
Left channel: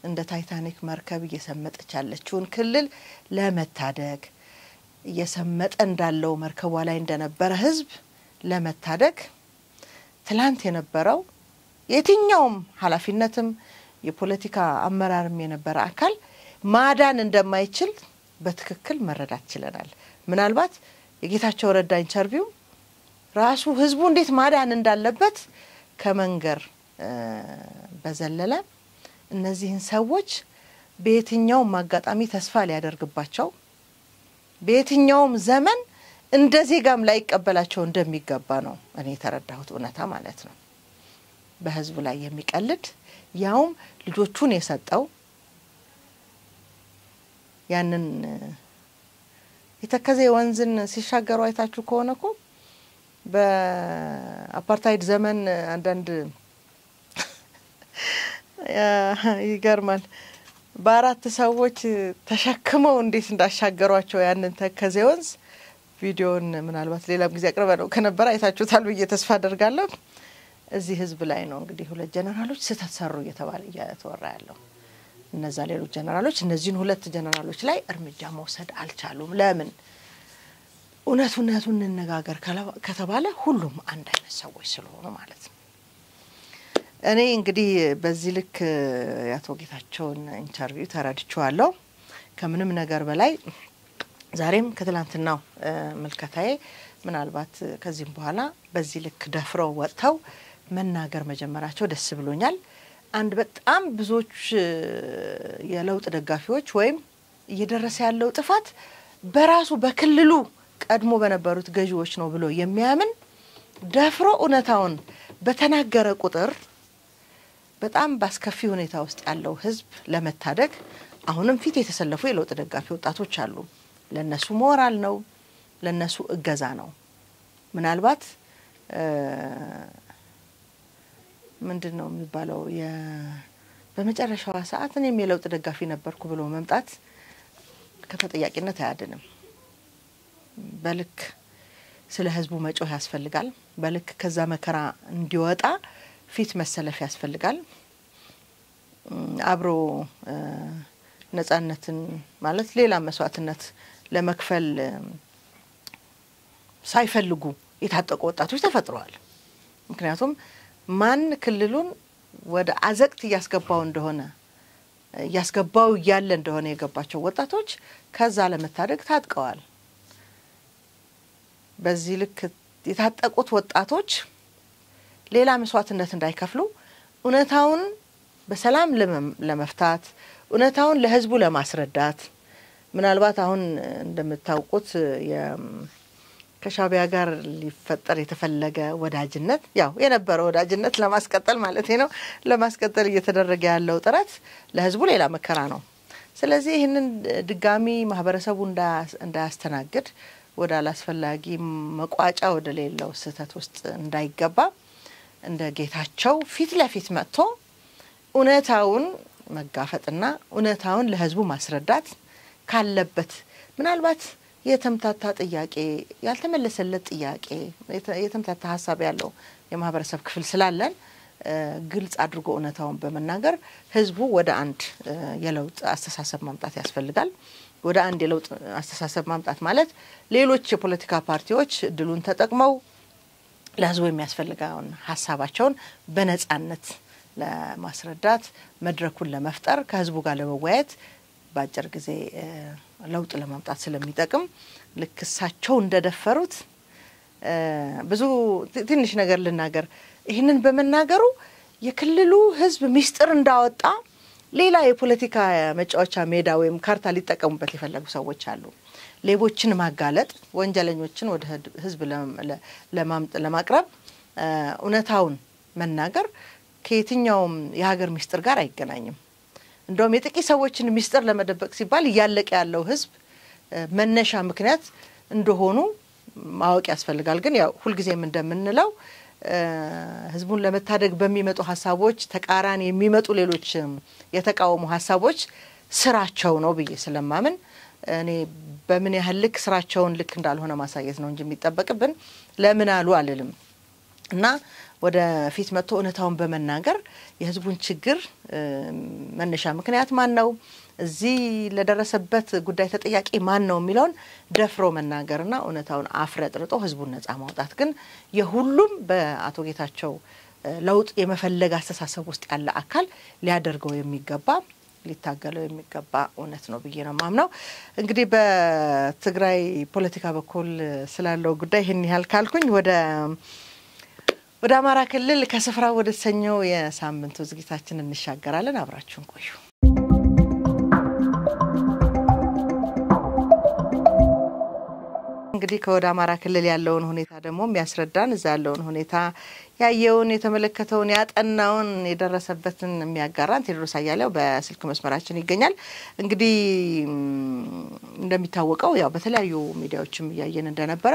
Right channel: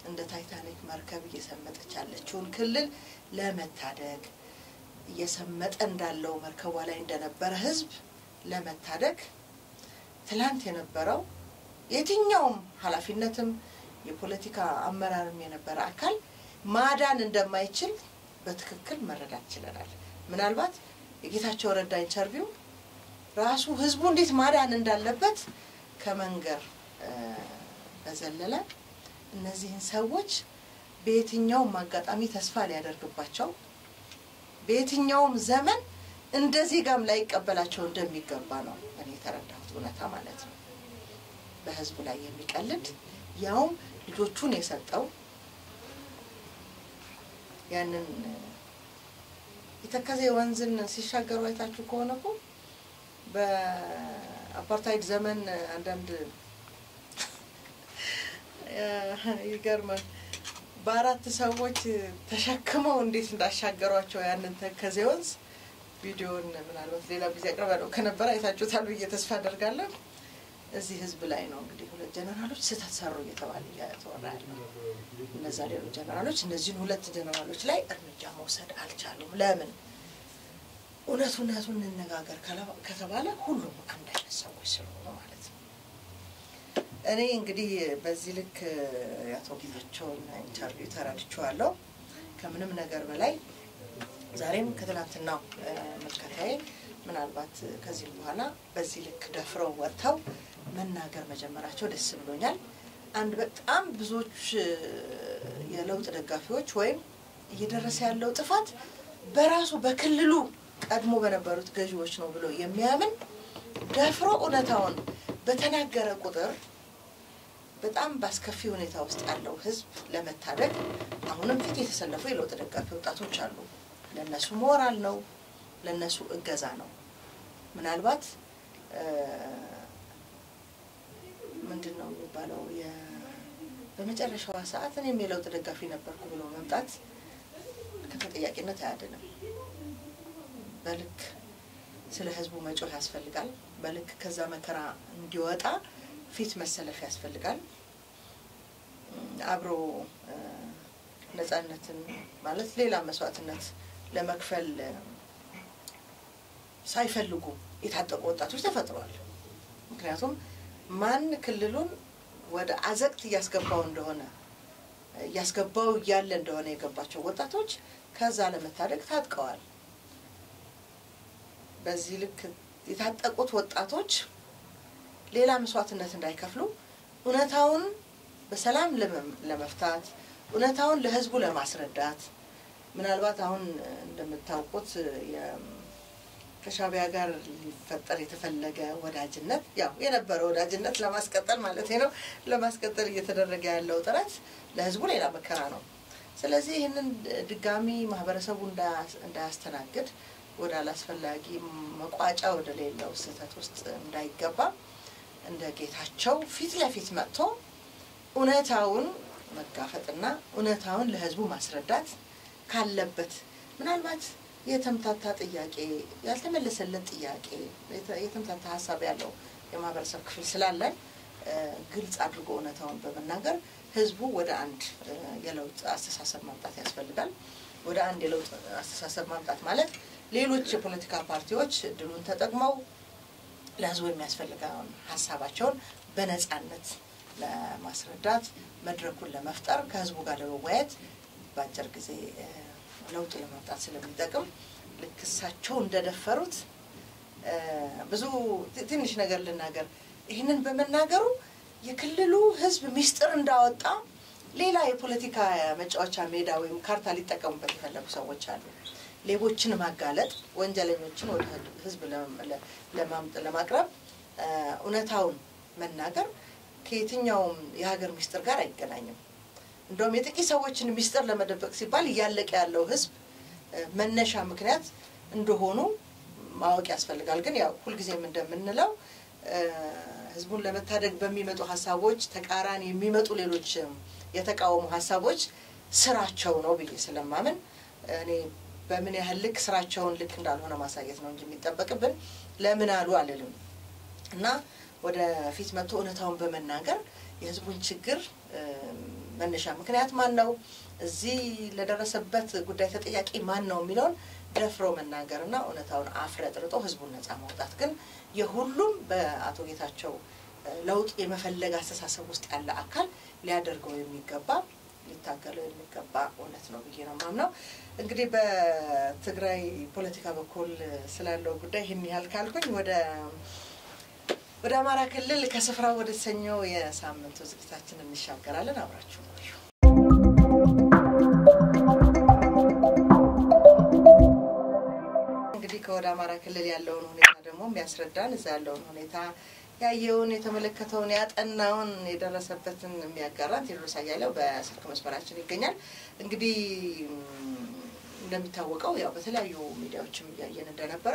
እንደ ታይታኒክ መርከብ እየሰመጠች ያለችውን ክልል ለመታደግ እየሰመጠ እንዳለው መርከቧ ላይ እንደነበረ ህዝብ ለመታደግ ትላንት የነበረው የትኛውም ኃላፊነትም የፖለቲካ አመራርም የነበረ አካል ማዳን እንደማይችል በትክክል መረዳት ይችላል ምናልባት የጌታቸው ረዳ ኢንተርቪው ራሱ ህዝቡ እንዴት ማዳን እንዳለበት ከመንገር በዘለለ እነዚህን ሰዎች በየትኛው ማጋጣሚ ተስፋ ሊያደርግባቸው በየትኛውም ዘመን እንደዚህ ጋም ላይ ይቀበላቸው እንደሚገባ ነው እኔ ተረዳሁት እውነታ ማለት ነው በህዝብ ላይ የሚቀልድ ያውም ልጆቹን የሰጠው ያንን የተከዘ ወንዝን ሲሻገሩ አይታችሁ ከሆነኮ በአፓርታይድ ዘመን አንዳንድ ይገርማል በአራት ሰዎች ተሸክመው እንዴት እንዳሻገሯቸው ያንን ተከዘ ወንዝ ቪዲዮን ምናልባት ሌላ ጊዜ አቅርበው ከነበረ አይታችሁታል ብዬ ተስፋ አደርጋለሁ እዚህ ህዝብ ላይ ነው እንግዲህ ሁለት ጀነራሎች ተተሰሩ እየተባለ እያተወራ ያለው እነዛ ሌሎች ጀነራሎች እነዚህን ሁለት ጀነራሎች ላይ እርምጃ መውሰድ አልቻሉም ለምን እውነቱን እንነጋገር ከተባለ ሁሉም አንድ አይነት ሰዎች ስለሆኑ ማለት ነው እኔ እንግዲህ በዚህ ልክ ያቶ ጌታቸውን ኢንተርቪው ተረድቻለሁ ከምንም ነገር በላይ ዛሬም ከትላንትናው መልከታዬ ምናልባት ከዚህም በኋላ በዚህ ልክ ደፍረው ወጥተው መናገር መጀመራቸው ደስ ብሎኛል አንድ በጣም ብዙዎች የለውጥ ደጋፊዎች ወይም እየደረሰ ያለው ጥፋት በራሱ በክልሉ ቀድሞ በነበሩት ገዢዎች ነው ብሎ የሚያምን ደፍሮ እውነታውን በተናገረ ቁጥር በጣም ባስከፊ ሁኔታ ውስጥ ያለው ህዝብ ለመታደግ አሁንም ፊት የተሰለፉ የለውጥ ደጋፊ ወጣቶች አሉ ለነሱ ሞራል ነው ለነሱ እገዛ ነው ምናልባት ምንድነው የሚባለው በመጨረሻው ሰዓት እኔም የለውጥ ደጋፊ ነበርኩ ብሎ መምጣት ከተጠያቂነት አያድንም በልክ ስለ ህዝቡ መጮህ ያስፈልጋል በልክ ከዛ መከራ እንዲወጣ ፊት መሰለፍ ያስፈልጋል አብሮ ነፃነትን ማለት ሌላ መስዋዕትነት ለመክፈል ሳይፈልጉ የታጠቁ ወጣቶች ተፈጥረዋል ምክንያቱም ማን ክልሉን ወደ አዘቅት ያስገባው ያለ እንደሆነ የገባቸው ወጣቶች ከዛ ለመታደግ ታጥቀዋል በዚህ ልክ የታጠቁት ወጣቶች ሌላ መስዋዕትነት እንዳይከፍሉ ኡነታውን በሰላም ለመፍታት ኡነታውን ለህዝቡ ለማስረዳት ምናልባት አሁን እንደምታውቁት ከሻቢያ ጋር ሊፈጠር የተፈለገ ወዳጅነት ያው የነበረው ወዳጅነት ለማስቀጠል ማለት ነው ለማስቀጠል እየተደረገ ያለው ጥረት ለህዝቡ ሌላ መከራ ነው ስለዚህ ይሄንን ድጋሚ ማህበረሰቡ እንዳያስተናግድ ወደ አላስፈላጊ መቋጫ ወደ ሌላው ስህተት ውስጥ እንዳይገባ እንደ ጌታቸው ፊት ለፊት መጥቶ ኡነታውን መጋፈጥና ኡነታውን ለህዝቡ ማስረዳት ካለበት ምናልባት የተምታታ ጥያቄ ያልተመለሰለት ጥያቄ የተምታታ ሐሳብ ያለው የማህበረሰብ ክፍል ስላለን ግልጽ አድርጎ ኡነታውን በመናገር ህዝቡ ወደ አንድ የለውጥ አስተሳሰብ ማምጣት ያስፈልጋል ወደ አንድ የለውጥ አስተሳሰብ ማምጣት ማለት ሌሎች የፖለቲካ ፓርቲዎች ድሉን ተጠቅመው ለህዝቡ የሚያስፈልጋውን ሐሳባቸውን በነጻነት ለማስረዳት መድረኩን ለመፍጠር ከህዝቡ ጋር ለመወያየት ባጭር ጊዜ ለውጥ ለማምጣት ስለሚጠቅም ለክሳቸው እንደደፈሩት ብዙ ትንሽ ነገር ልናገር ይሄንን በመናገሩ የክልሉ ህዝብ ሚስጥር እንዳወጣ ሌላ የፖለቲካ መጫወቻ ሜዳ ወይም ካርታ ሊጠቀሙበት የፈለጉ ሰዎች አሉ ሌቦችን ማጋለጥ ወንጀለኞችን ወደ ህዝብ ለማቅረብ ኡነታውን መናገር ከየትኛውም የሀገር ሚስጥር ጋር አይገናኝም እንደውም የጥቂት ሰዎችን ሚስጥር ለመደበቅ ሲባል ያለቀ ያለው ህዝብ መነሻ ምክንያት እንደሆኑ ማወቅ ያስፈልጋል ግን ያው ሁሉ ጊዜም እንደምንለው ህዝቡን ለመታደግ በሚመጡ ሐሳቦች ተቃራኒ የሚመጡ ሌሎች የተቃወሙ ሐሳቦች ስራቸው ነው ብዬ ስለማምን እኔ በምን ያህል ልክ ስራቸውን ልክ እንዳልሆነ ማሳየት ነው እንጂ የሚጠበቅብን ለምን አሉ አልልም እና ወደ ፊት መጥቶ ኡነታውን በመናገር የህዝቡን ችግር መነሻ ምክንያት ማን ነው እዚህ ለደረሰበት ጉዳይ ተጠያቂ ማን ነው የሚለውን ደፍሮ መናገርና ኡነታውን አፍረጥርጦ ህዝቡን ነፃ ማውጣት ግን የሁሉም በአቶ ጌታቸው ለውጥ የመፈለግ አስተሳሰብ ውስጥ ያለ አካል ሊያደርገው የሚገባ ሊታገለው የሚገባ ኡነት ነው ብዬ ነው ማምነው እንግዲህ በትግራይ ፖለቲካ በኩል ስላለው ጉዳይ ይሄን ያህል ካልኩኝ ወደ አማራ ክልል ከስፍራ ወደ ሰኞው የሳምንቱ ዝግጅታችን እንሻገራለን አብራችሁን ቆዩ እንግዲህ ከወደ አማራ ክልል ያለውን ሁኔታ ደግሞ የሚያስረዳን እዛ ያለውን ሁኔታ ያየውን የተመለከተውን ያጠናውን የደረሰበትን የሚያጋራን ቴድሮስ አያሌው በስልክ መስመራችን ይገኛል እንግዲህ እንደሚታወቀው ያው በተለያዩ ሚዲያዎችም ያየን እንደነበረ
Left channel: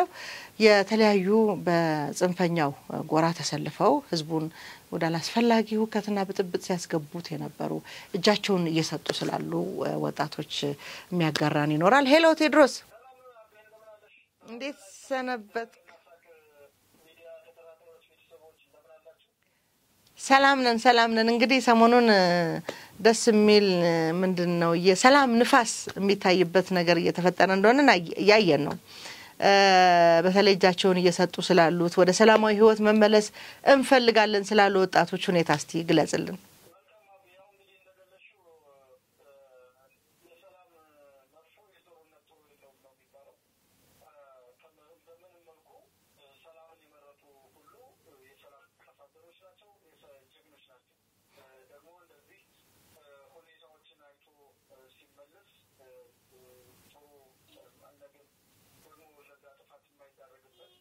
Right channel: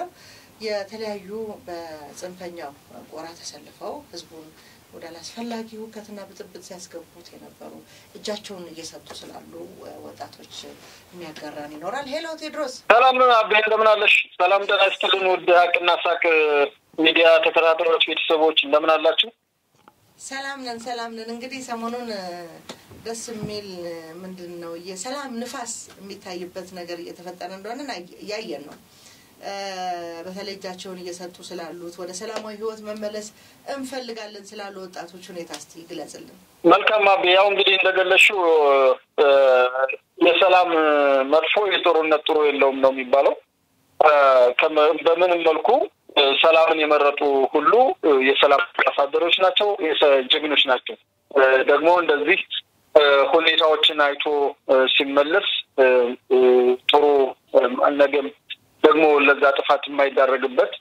የተለያዩ በጽንፈኛው ጎራ ተሰልፈው ህዝቡን ወደ አላስፈላጊ ሁከትና ብጥብጥ ሲያስገቡት የነበሩ እጃቸውን እየሰጡ ስላሉ ወጣቶች የሚያጋራን ይኖራል ሄሎ ቴድሮስ ሰላም አቤ እንደምን አለሽ ሰላም ደህና ወደ ሀቅና ሳቅ ሚዲያ ተከታታዮች ቤተሰቦች እንደምን አላችሁ ሰላም ነን እንግዲህ ሰሞኑን ደስ የሚል ምንድነው የሰላም ንፋስ የሚታይበት ነገር እየተፈጠረ እንደሆነ ያያየን ነው በተለይ እጃቸውን እየሰጡ ስላሉት ወደ ሰላማዊ ህይወት መመለስ እንፈልጋለን ስላሉ ወጣቶች ሁኔታ እስቲ ግለጽልን መልካም አቤ ያው እንግዲህ እንደገለሽው የሰላም መጥፎ የጦርነት ጥሩ የለውም ነው የሚባለው በምን መልኩ ሰላምን የመረጡ ሁሉ የሰላም አሳደሮች ናቸው የጀግኖች ናቸው ደግሞ እንደዚህ ሁኔታዎችን አይቶ ሲመለስ ጥሩ ነገም ደግሞ ለዛ ጥፋት የማይዳረግበት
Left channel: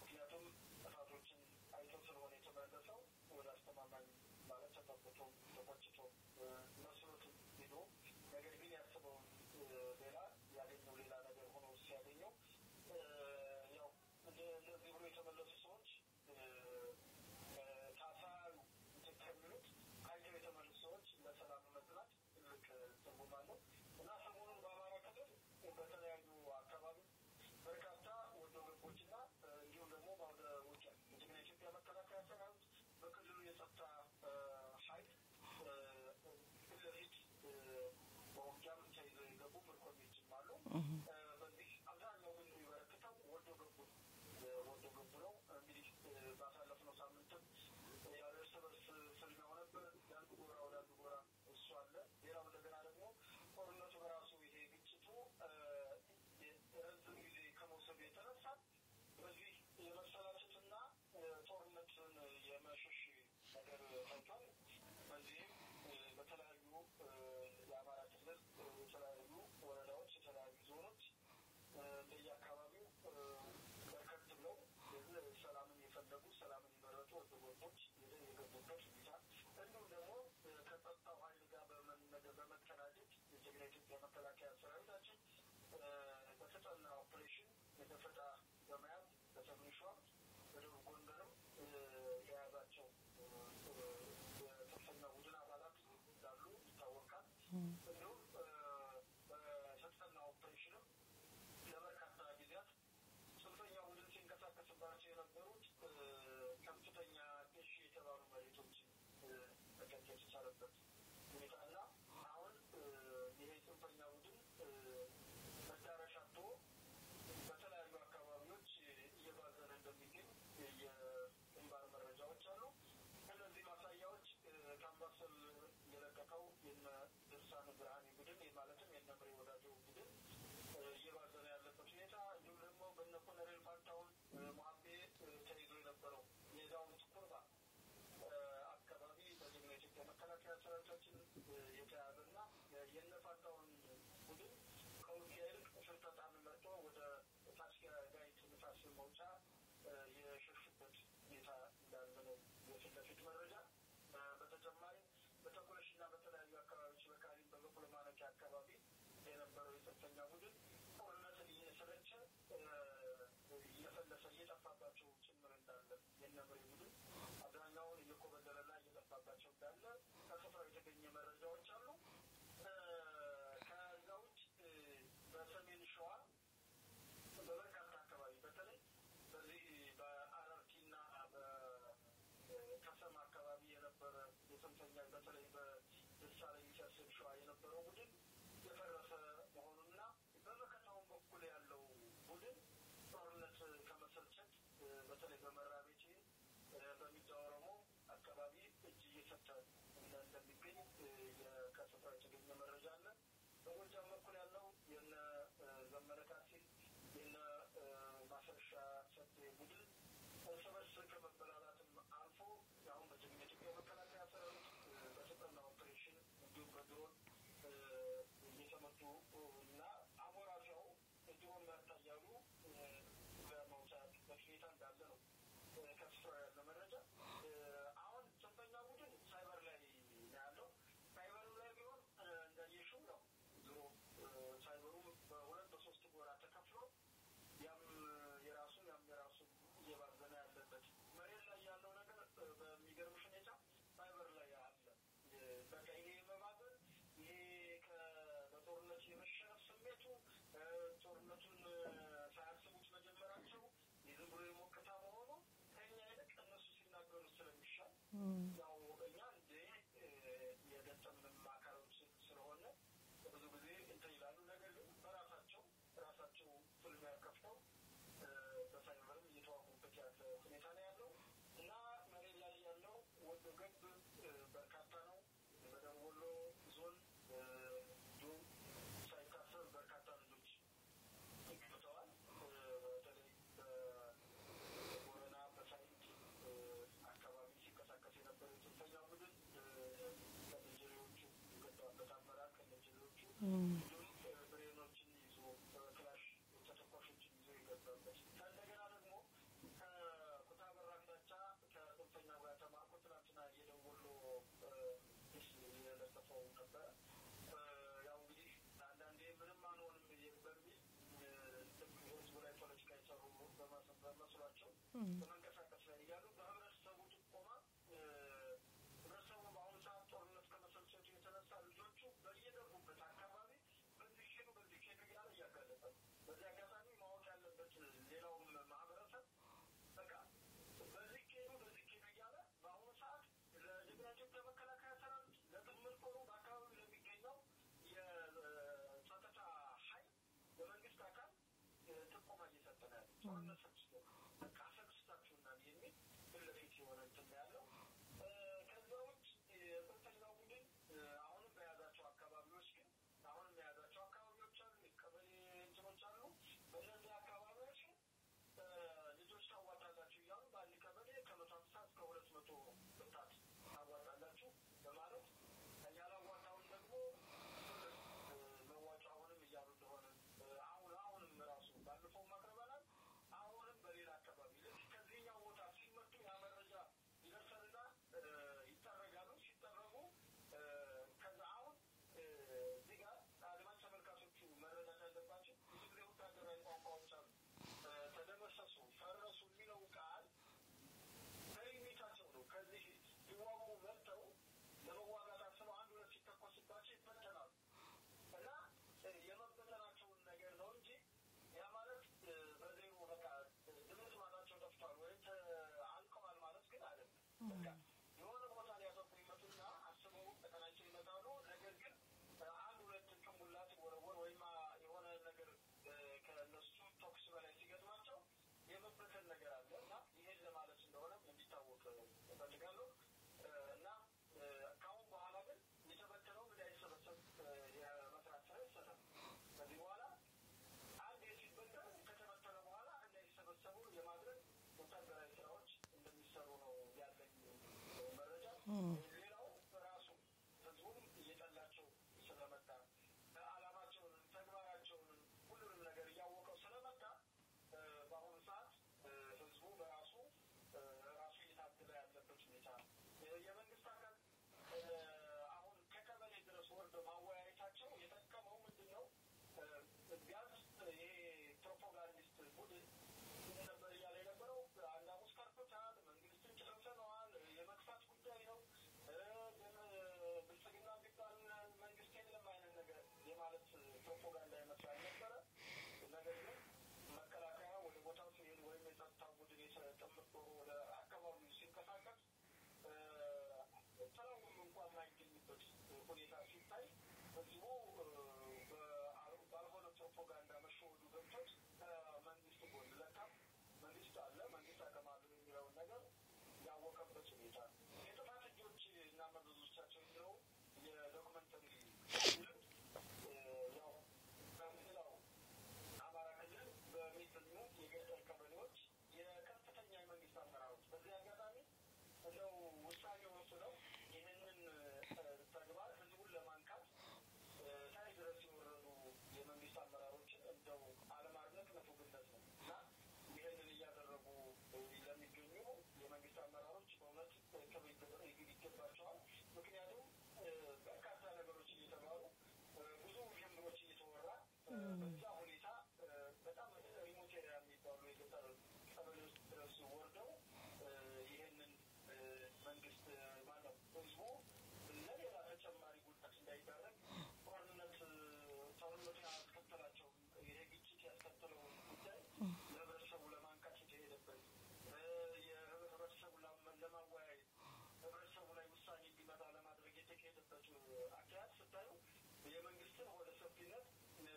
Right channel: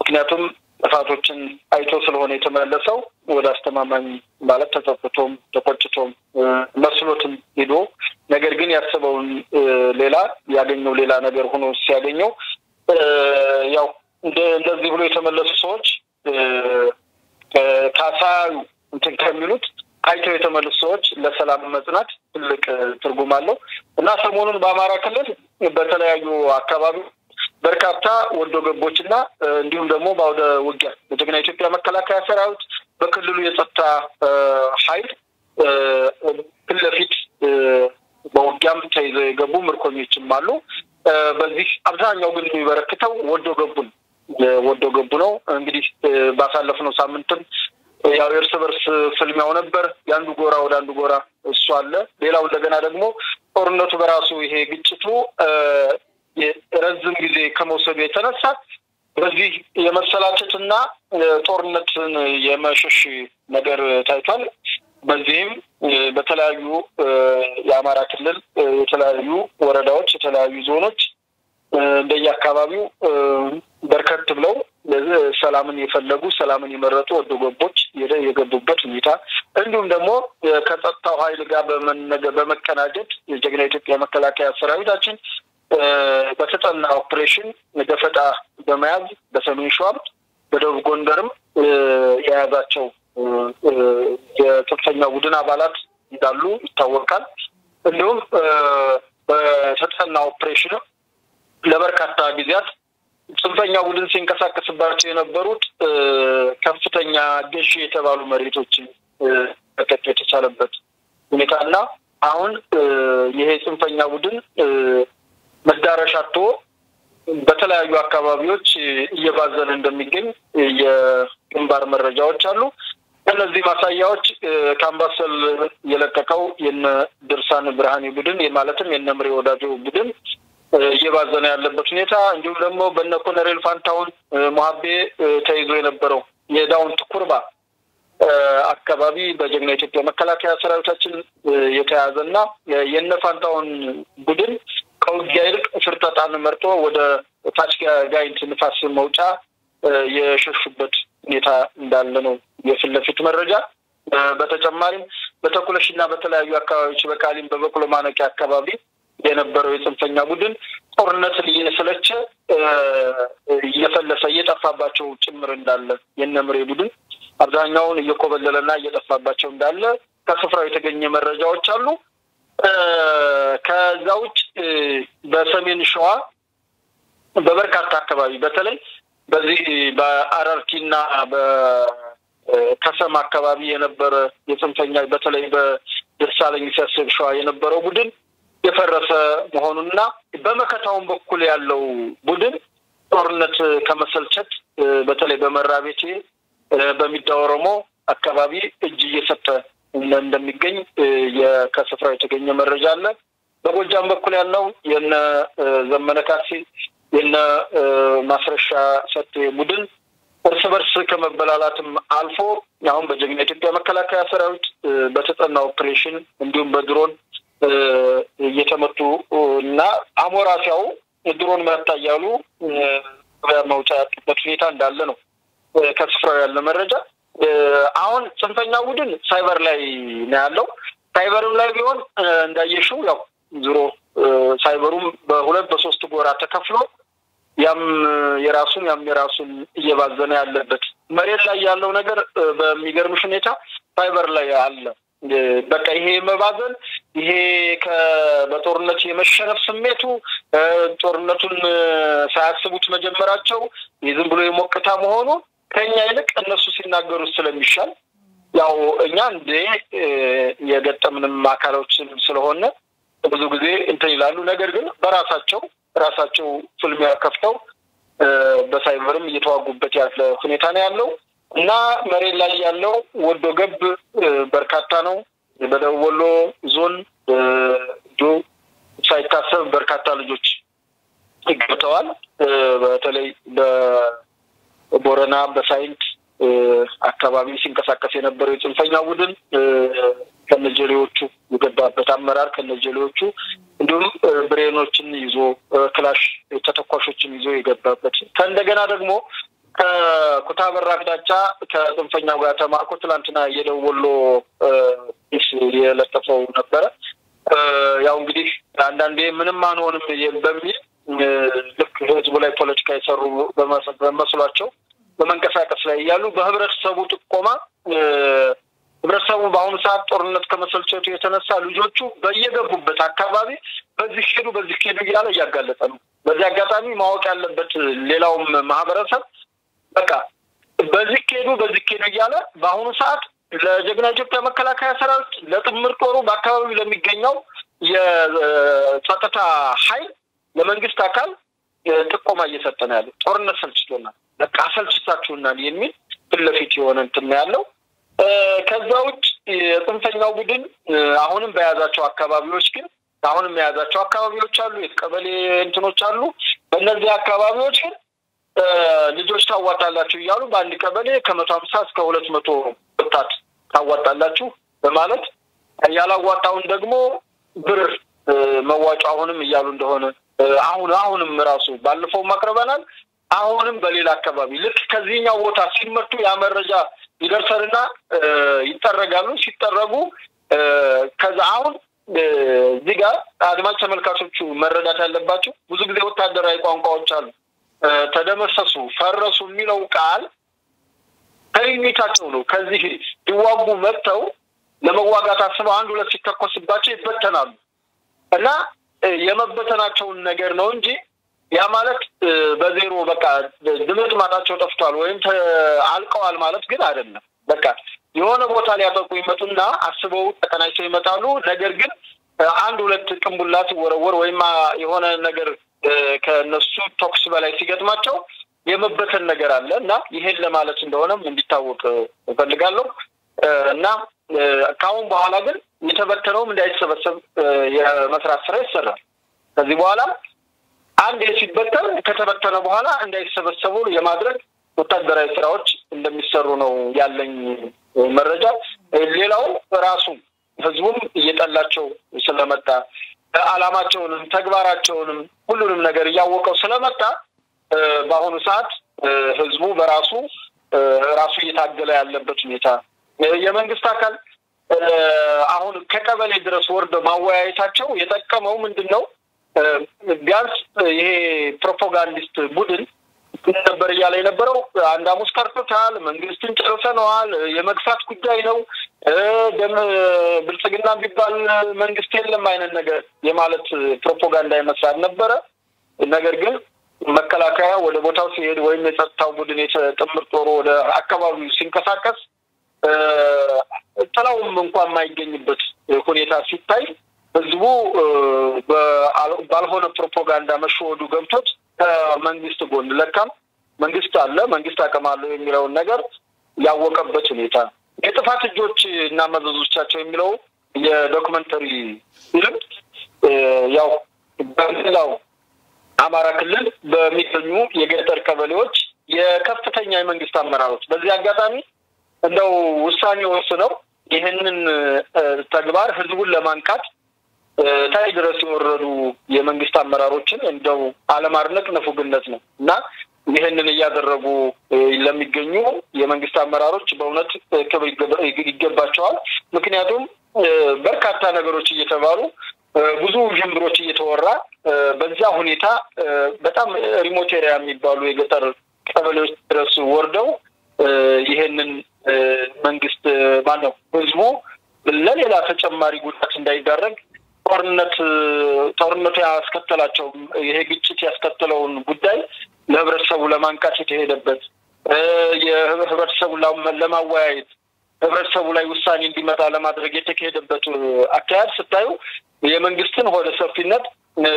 ምክንያቱም ጥፋቶችን አይቶ ስለሆነ የተመለሰው ወደ አስተማማኝ ማለት ተጠፍቶም ተቆጭቶም መስሎትም ሄዶ ነገር ግን ያሰበውን ሌላ ያገኘው ሌላ ነገር ሆኖ ሲያገኘው ያው እንደዚህ ብሎ የተመለሱ ሰዎች ካሳዩ እንትን ከሚሉት አይተው የተመለሱ ሰዎች ለሰላም መጽናት ትልቅ ትርጉም አለው እና ሰሞኑን በአማራ ክልል በተለያዩ አካባቢ በርካታ ወዶ ገቦችና እንዲሁም ደግሞ ባውደ ውጊያ በጀግና ኢትዮጵያ መከላከያ ሰራዊት በክልሉ የጸጥታ ኃይል ክልፊት በውጊያም ተይዘው የገቡ ምርኮኞችም አሉ። በዚህ አብዛኛው ግን የሚበረክተው ወዶ ገቡ ነው። እንግዲህ ባሳለፍነው ሳምንትም ያው እርስ በርስ ፍልሚያው ነበር። ያንዱ ጎራ ወደ አንዱ ጎራ እሱ አለ። ሌላው እንደገና ደግሞ ጦርነቱ በራሱ ይሄ ግጭቱ ረጅም ጊዜ ከመውሰዱ የተነሳ በዚህ የመሰላቸትና ጦርነትን የመሸሽ ነገር ታይቷል። በዚህም በተለያዩ የአማራ ክልል የተለያዩ ወረዳዎች የተለያዩ ዞኖች እንደየአካባቢው በርከት ብለው ሰላምን የፈለጉ ሰላምን የመረጡ ወዶ ገቦች የገቡበት ሁኔታ እንዲሁም ደግሞ ከጸጥታው ኃይል ጋር በመቀናጀት የጀግና ኢትዮጵያ መከላከያ ሰራዊታችን በተጠና ኦፕሬሽን ደፈጣ በመያዝ በሰሜን ሸዋ በደቡብ ጎንደርም የያዛቸው የጽንፈኛ ቡድን አባላት እንዳሉ ይታወቃል። እንዲሁም በተጠና ኦፕሬሽን ለበርካታ ጊዜያት ጽንፈኛ ቡድን ሲንቀሳቀስባቸው የነበሩት ከፍተኛ ገዢ የተባሉ መሬቶችን ተከተ የተቻለበት ሁኔታና አሁን ይሄ ጽንፈኛ ቡድን መዳረሻቶ በተለያዩ አካባቢዎች እየባዘነ እንደሚገኝ የግንባር መረጃዎች አሉ። እነዚህ ማሳያዎች ካምባሰል የለቀቀው የነ ድርሳን ብርሃኔ ቡድን የማለትም የነ ምሬ ወዳጆ ቡድን እየባዘነ ያለበት ሁኔታ እንዲሁም ደግሞ በነ ኮሎኔል ፋንታውን ሙሐቤ ተይዞ የነበረው የዳውንት ኩርባ አካባቢ በጀግና ኢትዮጵያ መከላከያ ሰራዊታችን የተያዘና የነ ፋንታውን ቡድን ከውጊያ ይልቅ ፍርጠጣን መርጦ ወደ ታች ጋይንት ንፋስ መውጫ የሸሹበት ሁኔታ እንዳለ ነው የፍለፊት መረጃ። በተጨማሪም በተኩለሽና በተለያዩ አካባቢዎች በቃሊም በበቅሎ ማነቂያ አካባቢ የነበረው የጽንፈኛ ቡድን ጦርነትን እየሰለቸ እየፈለሰ እየጠፋባቸው ጭምር እንዳለ የነምሬ ቡድን አብዛኛውን እየኮበለለና እየጠፋባቸው እንዳለ ከስፍራው የተገኘ መረጃዎች አሉ። ከዛውጭ በሰሜን ሸዋ በበርካታ አካባቢ በተለይ በዚህ በአራርቲና በከሰም አካባቢ የነበረ የጽንፈኛ በተለይ በደሳለኝ ሲያስብ ሸዋ የነበረው ቡድን የፈረሰ መሆኑንና በመከታውን በኩል ያለው ቡድን ጦርነት ከመሰልቸት በተለይ በመራቤቴ በሚዳወረሞ አካባቢ እጅ እየሰጠ እንደሚገኝ ከስፍራው የተገኘ መረጃ አለ። በጎጃም በኩል ያለው የነ ዘመነ ካሴ የነ ማስረሻ ሰጤ ቡድን እርስ በርስ ከመበላላትም አልፎ አሁን በጀግና ኢትዮጵያ መከላከያ ሰራዊት በተጠና ኦፕሬሽን እንዲሁም በድሮን እየተመቱ እና አሞራሲያው ድሮን መታ ያሉ በመውጫ ያጡበት ሁኔታ እንዳለ ነው ከስፍራው ያለ መረጃ። አሁን ጽንፈኛ ቡድን ሳይበር ላይ ነው ያለው። ሳይበርም ላይ ቢሆን እንዳየሽው ያው ዙሮ ሳይበሩም በሁለት በሶስት ጎራ ተከፍሎ ያም የራሱን እየባዘነ ያለበት መሬት ላይ ያለው ነገር በሚገርምሽ ሁኔታ ሳይበር ላይ አለ። በቃ ይሄ መባዘን ይሄ በጦርነት የመሸነፍ ስሜቱ ጦርነቱን ሳያስቡት መጀመራቸው የዝም ብሎ የሞቅታ መሆኑ ከኛ ይልቅ እነሱ ሲናገሩ ስለሚሻል ያው እኛ እንደ የገጠምንም አካሎችን ስለሆነ ብዙ ጊዜ እንትን ይላሉ። ነገር ግን በራሳቸው ፍልሚያ ከፍተው በሳይበርም እየተዋጉበት ያለ ሁኔታ ነው ያለው እና መሬት ላይ ያለው ወዶ ገብ በርካታ ነው። በደቡብ ወሎ ዞን ሳይታሰብ በርካታ ልጆች ይገተዋል። በተለይ በቦረና በሳይንት አካባቢ ሲንቀሳቀስ የነበረው የጽንፈኛ ቡድን ከነጀሌዎቹ የገባበት አመራር ከነጀሌዎቹ እንዲሁም ብሬኖችን ይዞ ክላሽ ተተኳሾችን ይዞ የገባበት ከእንደገና ደግሞ ከኩታበር አቅጣጫ ከጽንፈኛው ጋር ተማርኮ ትላንትና የደቡብ ወሎ የለጠፈው ነበረ። ያው እንግዲህ አንዳንዴ ምንም አንሆንም በሚል ልክ ህዝቡ ላይ ፖለቲካ የሰሩ በመስሏቸው በመንቀሳቀስ ላይ ያሉ በህብረተሰቡ ጥቆማ ህብረተሰቡ በአሁኑ ሰዓት ጦርነት ከመሰልቸቱ የተነሳ ልጆቹ በየገቡበት አካባቢ በዚህ ሄዱ እያለ እያጋለጠ ነው። በዚህ አጋጣሚ ማወቅ ያለበት ሌላውም ማህበረሰብ በቃ በዚህ ሄዱ እያለ በአሁኑ ሰዓት ለጀግና ኢትዮጵያ መከላከያ ሰራዊት ለጥምር ጦሩ በአካባቢው ለሚገኘው የጸጥታ ኃይል ለመንግስት አካል ጥቆማ እየሰጠ ነው ያለው። ጦርነት ሰልችቶናል፣ በቃ ሰልችታችሁናል የሚል ፍለፊት የሆነ እንትን ያለው። ከዛ ውጭ የጽንፈኛው ቡድን አሁንም በያዛቸው አካባቢዎች አሉ፣ የቀበሌ እንትኖች አሉ። በእነዚህ አካባቢዎች ግን ልጆች ታዋጣላችሁ እያሉ በአንድ ቀበሌ ከ150 እስከ 200 ወጣት ታዋጣላችሁ በማለት ያላዋጣውን ደግሞ ብር መዋጮ አሁንም እያሉ እንደሆነ አሁንም ራሱ ባለፈው ማቅረበናል። አሁንም በሌላ አካባቢ ልክ ከዚህኛው ቦታ ሲመጡ ያ መረጃ ይደርሰልና ይጠረጋሉ። ሲጠረጉ ከዛ አሁን እዚህ ጋር አድማጭ ተመልካቾቹ መረዳት ያለባቸው ብዙ ጊዜ ወታደራዊ ቋንቋዎች አሉ። ተደመሰሱ፣ ፈረሱ የሚለው ቃል ከይሚታቸው ነው። ከዚህ ይዋጉ መጥተው ለመዋጋት አስበው አንድ ሁለት ሲተኮስባቸው ይበተናሉ እና የመበተናቸውን ነገር ነው እንጂ ያ ማለት በዜሮ በቃ ድምጥ ማጣቸው ጠፍቷል ወይም አልቀዋል ማለት ግን አይደለም። በቃ የሆነ ቦታ ሊያጠቁ ይመጡና አስበው ተቀናጅተው ይመጣሉ። ነገር ግን አንድ ሁለት ቅንቡላት ወረወር ወይም የሆነ ነገር ከነሱ ቶክስ በላይ ሲገጥማቸው የመበተን ነገር አለ እና ይሄን ለማለት እንደሆነም እንዲታወቅ እፈልጋለሁ። እና ካሁን በኋላ ግን የተበተነውም እንዳይሰበሰብ የመስራት ስራ ይሰራል። ከዚህ በኋላ አንድ ሲበተን ከተበተነ በኋላ እንዳይሰበሰቡ የማድረግ ወታደራዊ ስራዎች እንደሚሰሩ ነው ያለኝ መረጃ። ሌላው ራሱ ህዝቡም እየጠላቸው ስለመጣ አላማቸውንም ተግባራቸውንም ሁሉንም ነገር ያወቀው ስለመጣ በአሁኑ ሰዓት ህዝቡ በራሱ እየታገለ ያለበት ሁኔታ የመንግስት አካል አሁን ከቀበሌ ድረስ ወርዶ ማወያየታቸው የጠቀመው ምንድነው? ቢያንስ ይሄ ፕሮፓጋንዲስት ቡድን ነበር እያለ የነበረው አንድ አሙስ ቀርቶታል፣ መንግስትን ጨርሰነዋል፣ የመግፋት ጉዳይ ነው፣ ደም ብልጽግና ቢባል መንግስት የለም አይነት ነገር የማለት ፕሮፓጋንዳ ይመስላል ነበረ። ነገር ግን መከላከያ ወደ ቦታው ሲሄድ ወይም የጸጥታው ቡድን የጥምር ጦሩ ወደ አካባቢው ሲንቀሳቀስ ጥላውም እንኳን የማይገኝበት ሁኔታ ሲታይ ህዝቡ ባልሆነ ፕሮፓጋንዳ መሸወዱ ገብቶት መንግስት ጎን ለካም መንግስት አለ መንግስት አቀማለው የሚለውን ነገር ያወቀበት ሁኔታ የጥፋት እጆች እና መዘዞቻቸው የሚለው የዶክመንተሪ ፊልም ያው በሌላው አማራ ክልል በሚገኙ የገጠር ቀበሌዎች የከፍተኛ የመንግስት አመራሮች በዚህ አጋጣሚ እንደው ውሳኔ ወስነው ይሄንን ተግባር ህዝቡን ለማንቃት ታይ ድረስ የወረዱ የመንግስት አመራሮችን እንደው አለማድነቅ ንፉግነት ነው እና ይሄንን ያደረጉ ለሚገኙ የመንግስት አመራሮች በእውነት ክብር ይገባቸዋል። ምክንያቱም በርካታ ነገሮች እየተባሉ ብዙ ጅምሮች እየተወራ በዛ ሁኔታ በጣም ሪሞት ኤሪያ የሚባሉ የገጠር ቀበሌዎች ድረስ ወርደው ይሄንን መንግስት ማነው ህዝቡ ለሌላ ተጨማሪ ጉዳት እንዳይዳረግ ጦርነቱ ያስከተላቸው ይሄ ግጭት ያስከተለውን ጉዳይ ለህብረተሰቡ ለማንቃት የተሄደበት የህብረተሰቡን ለማወያየት ህብረተሰቡ ላይ ውሳኔ እንዲመጣ ለማድረግ የተካሄደበት አካሄድ ስታዩ የመንግስትን ሆደ ሰፊነት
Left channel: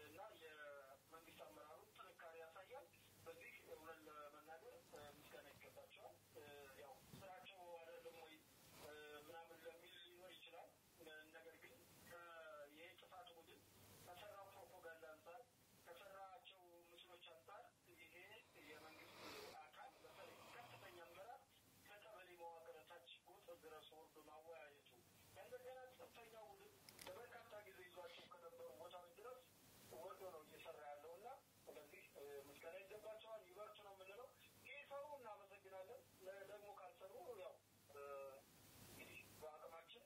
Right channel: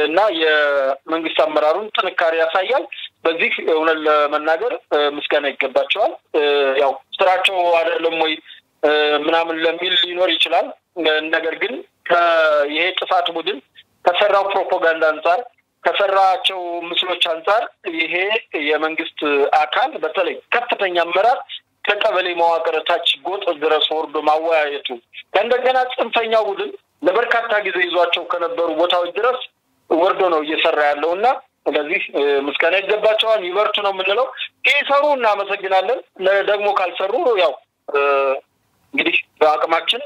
እና የመንግስት አመራሩን ጥንካሬ ያሳያል። በዚህ እውነት ለመናገር ምስጋና ይገባቸዋል። ያው ስራቸው አይደለም ወይ ምናምን ለሚል ሊኖር ይችላል። ነገር ግን ይሄ ጥፋት ቡድን ከሰራው ፕሮፓጋንዳ አንፃር ከሰራቸው ምስሎች አንፃር ይሄ የመንግስት አካል በተለይ ከፍተኛ አመራር ከቀበሌ መዋቅር ታች ጎጥ ድረስ ወርዶ ማወያየቱ እንደገና ጽንፈኛው ቡድን ለበርካታ ጊዜ ይዟቸው ከነበሩ ቦታዎች ድረስ ወርዶ ነው እየሰራ ያለውና ስለዚህ ምስጋና ይገባቸዋል። ይበርቱ ነው የምንለው። ከሰሩ እናመሰግናለን። ደግሞ ካልሰሩ ያው እንግዲህ በአቅማችን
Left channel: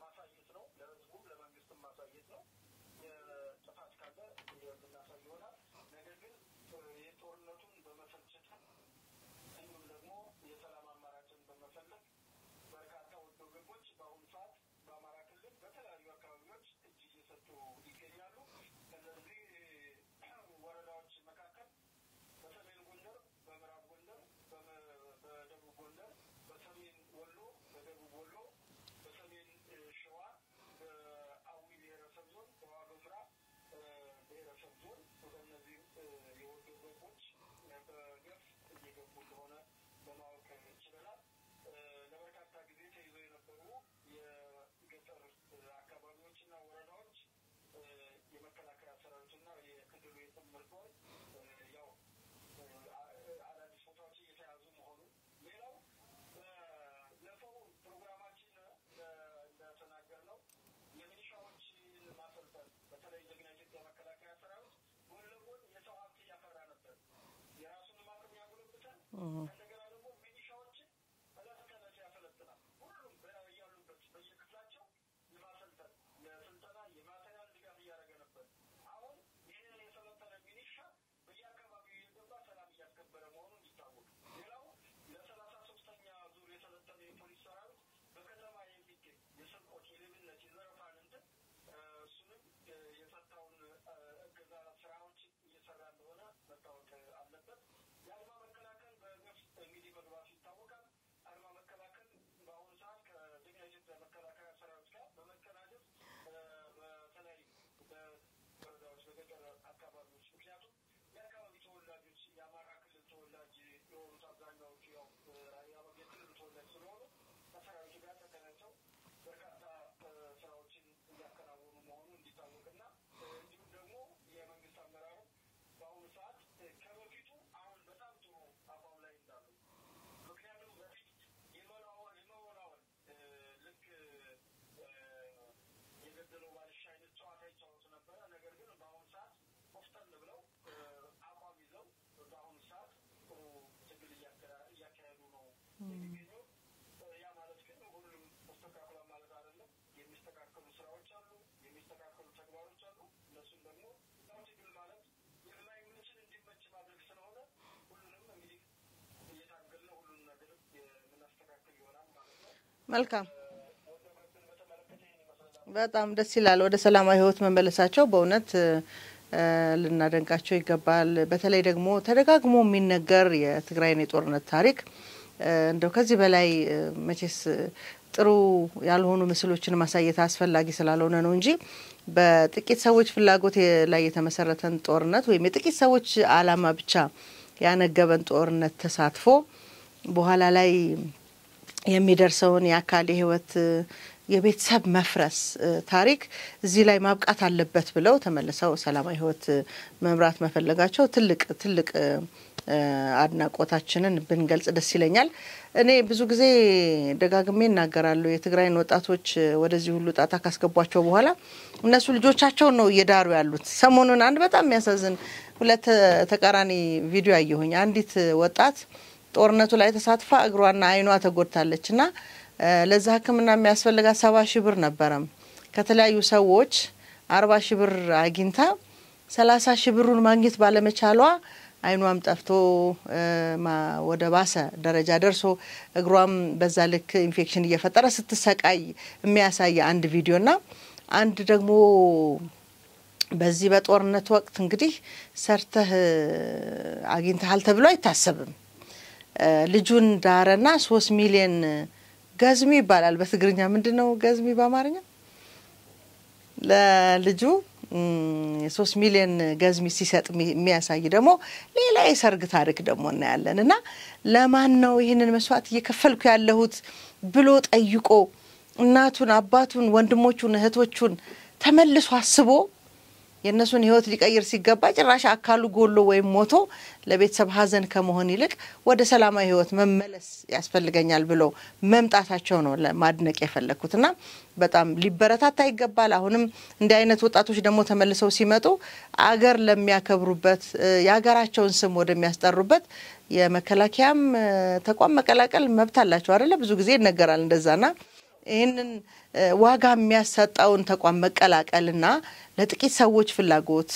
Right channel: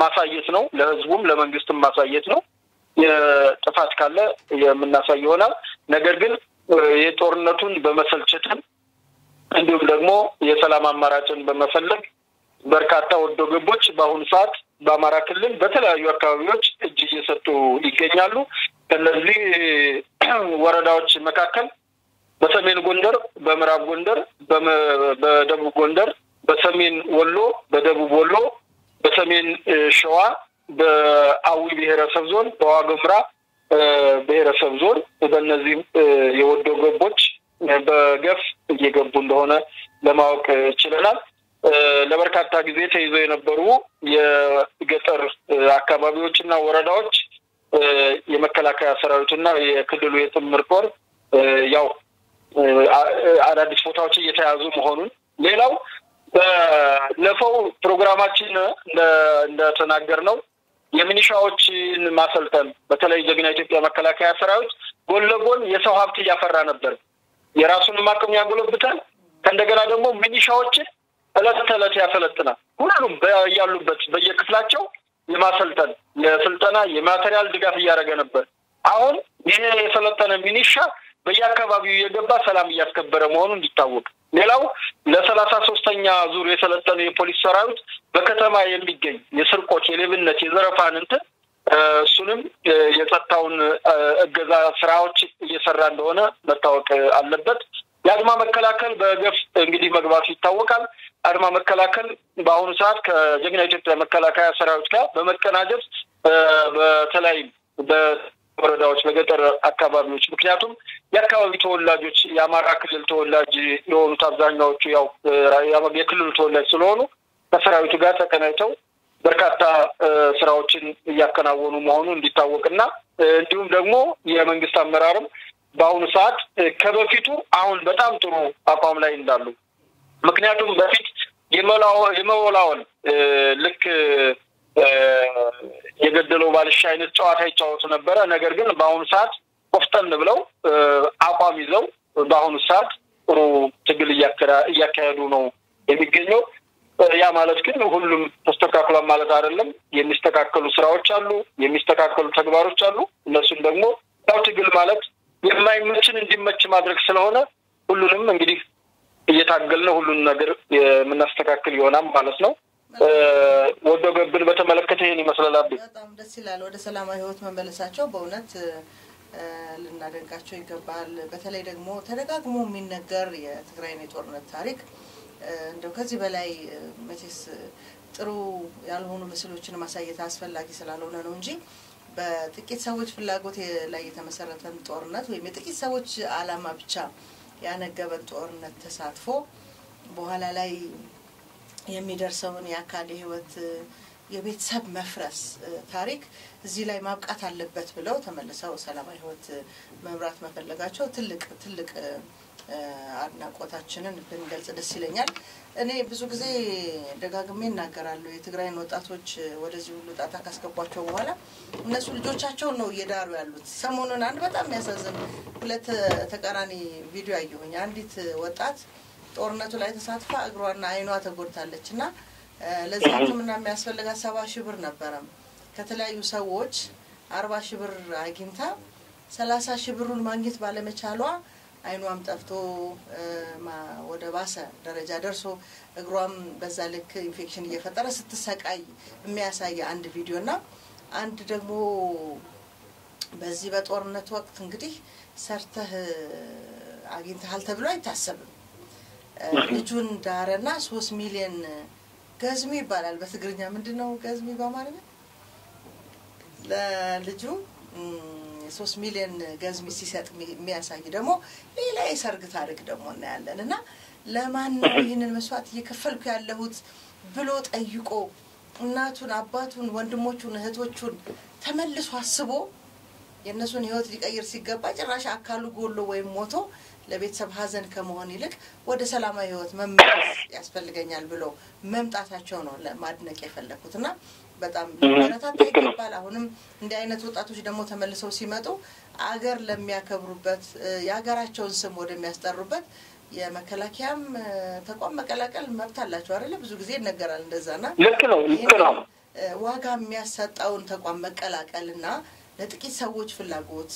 ማሳየት ነው፣ ለህዝቡም ለመንግስትም ማሳየት ነው። የጥፋት ካለ የምናሳይ ይሆናል። ነገር ግን የጦርነቱን በመሰልቸት እንዲሁም ደግሞ የሰላም አማራጭን በመፈለግ በርካታ ወዶ ገቦች በአሁኑ ሰዓት በአማራ ክልል በተለያዩ አካባቢዎች እጅ እየሰጡ ይገኛሉ። ከነዚህ ወረዳዎች መካከል በሰሜን ጎንደር፣ በምዕራብ ጎንደር፣ በደቡብ ጎንደር፣ በሰሜን ወሎ፣ በደቡብ ወሎ፣ በሰሜን ሸዋ፣ በአዊ ብሔረሰብ ዞን፣ በዋግኽምራ ብሔረሰብ ዞን በእነዚህ የወዶ ገቦች በገፍ እየገቡ እንደሆነ ለማወቅ ችለናል። ለበርካታ ጊዜ ተይዘው የነበሩ የገጠር አካባቢዎችና ወረዳዎች የመከላከያ ሰራዊትና የክልሉ የጥምር ጦር ያው አዳዲስ ቦታዎች እየተያዙ መሆኑን ሌላው በለፈው ፕሮግራማችን እንደተናገርነው የሚኒሻዎችን ማሰልጠን በተለይ ጀግና ኢትዮጵያ መከላከያ ሰራዊት ጎን ለጎን የሰው ሀብት እያፈራ ነበር። የራሱን አቅም ያጎለብታል። ከእንደገና ደግሞ ሚኒሻዎችን እለት ተዕለት ያሰለጥናል። ሁሉም ያሉበት በየክፍላቸው የማሰልጠን የስልጠና የማቴሪያል ድጋፍ እያደረገ ነበር። አሁን ይሄ የሰለጠነ ሚኒሻ በየአካባቢው የገባ ሰላም እያስከበረ መሆኑን እንዲታወቅ ሌላው ለ33ኛ ዙር የሰለጠነ የፖሊስ ሰራዊት በከተማ የሚገኝ የስርቆት የሌብነት የዘረፋን እሱንም የጸጥታውን እገዛ ስራዎች እየሰራ እንደሆነ መታወቅ አለበት። የአድማ መከላከል በገፍ እንግዲህ መግባቱ ይታወቃል። አድማ መከላከል በአሁኑ ሰዓት ከጀግና ኢትዮጵያ መከላከያ ሰራዊት ጋር በመቀናጀት በተለይ በወረዳዎች በገጠር አካባቢዎች ምክንያቱም የአካባቢ ተወላጆች የአማራ ክልል ተወላጅ የሆኑት አብዛኛዎቹ ያው የክልሉ ተወላጅ ስለሆኑ ከሰራዊቱ ጋር ተቀናጅተው በርካታ ስራዎችን እያከናወኑ መሆኑን እንዲታወቅና እንዲሁም ደግሞ የመንግስት አመራርም በአሁኑ ሰዓት ከበፊቱ አሁን በጣም ጥሩ አቋም ላይ እንዳሉ ምክንያቱም በፊት የመወላወል ልክ የገደለው ባልሻ አይነት ጨዋታ ይጫወቱ ነበር። ነገር ግን በአሁኑ ሰዓት ቆፍጠን ብለው አቋም ይዘው በአሁኑ ሰዓት ጥሩ ትግል እያካሄዱ ነው የሚገኘው። ያ ማለት ግን ሁሉም ተስተካክሏል ማለት አይደለም። የሚስተካከሉ ስራዎች አሉ፣ የሚስተካከሉ ተግባሮች አሉ። እነሱም ደግሞ ያው ትግል ማለት የማይመችን እንዲመች ማድረግ ስለሆነ ሁሉንም እንግዲህ እየታገልን ሁሉን ነገር የምናስተካክል ይሆናል ማለት ነው። ወዶ ገብን በተመለከተ ይሄን ይመስላል። በጣም ደስ ይላል። ወደ ሰላማዊ ህይወት መመለሳቸው በእውነት ልናደንቃቸው ይገባል። በተለይ ደግሞ ተደጋግሞ የሚነገር የትግራይን የጦርነት ታሪክ እንደው ከዚህ በላይ መቼስ ጥሩ ያልሆኑ ምስሎችን ማሳየት አስፈላጊ ስላልሆነ ነው እንጂ በጥቂት ሰዎች ፍላጎት ላይ የተመሰረተን ጦርነት ወይም የጥቂት ሰዎች አላማ ብቻ ያነገበን ጦርነት ተሳትፎ በኋላ ላይ የሚደርሰውን የአካል ህይወት የቤተሰብ መፍረስ ታሪክ እዚህ ላይ ማብቃት አለበት ብለው ተመልሰው ሰላማዊ ህይወት መምራት መፈለጋቸው ትልቅ አድናቆታችንን ብንገልጽ ደስ ይለኛል። እኔ ብዙ ጊዜ ደጋግሜ እናገራለሁ የትግራይን ወጣቶች ወደዚህ ሁሉ ጣጣ ካስገቧቸው በኋላ እነሱ ልጆቻቸው ነው እየዳሩ ያሉት። ሰሞኑን አንድ በጣም የሚያሳዝን ሁለት ተቃራኒ ቪዲዮ አየሁኝ። አንዲት ወጣት ጦርነቱ ላይ ተሳትፋ እግሯና አይኗ ተጎድታለችና ለዛ ህክምና የሚያስፈልጋት 70,000 ብር ነበረ። ከተለያዩ ሰዎች 40,000 ብር አግኝታ 30,000 ብሩን ማግኘት ባለመቻሏ አይኗም ጠፍቶ ወደ ባሰ ደረጃ ደርሶ እግሯም በዛ ልክ ኢንፌክሽን እየፈጠረ ስትሰቃይ የሚያሳይ አንድ ቪዲዮና አንድ ደግሞ በዚህ በጦርነት ወቅት እንግዲህ ሰርተህ አግኝተሃል ተብሎ አይታሰብም። ልጁን ዳረና 3 ሚሊዮን ገዝሚ ይባላል በትግርኛ ምንድነው ገዝሚ በአማርኛ ለልጁ 3 ሚሊዮን ገዝሚ ሲሰጥ የሚያሳይ ደግሞ ሌላ የሰርግ ታሪክ ደግሞ እናያለንና ለማን ነው ይሄንን መስዋዕት እየከፈልኩ ያለሁት ብሎ ጠይቆ እናቱን አባቱን ወንድሞቹን እህቶቹን ተመልሶ አስቦ የነሱን ህይወት ሊቀይር ሲገባ ጭራሽ አካሉ ጎሎ ወይም ሞቶ ለቤተሰብ ሀዘን ከመሆን ይልቅ ወደ ሰላማዊ ህይወት መመለስ ያስፈልገኛል ብሎ መምጣታቸው ነው ለማድነቅ የፈለኩትና በጣም ሊበረታታ ይገባል። አሁንም እንደ አይነት ወጣቶች ደግሞ ተመልሰው ሲመጡ አገር ለሚያከብሩበት ያገራቸውን ስም ወደሚያስጠሩበት የመከላከያም ተቋም መቀላቀል መብት አላቸው አይደለ? ብዙ ጊዜ ይነገራል እንደዛና ልክ ነው። ዋጋ የሚያሰጣውን ተቋም መቀላቀልና ለጥቂት ሰዎች ፍላጎት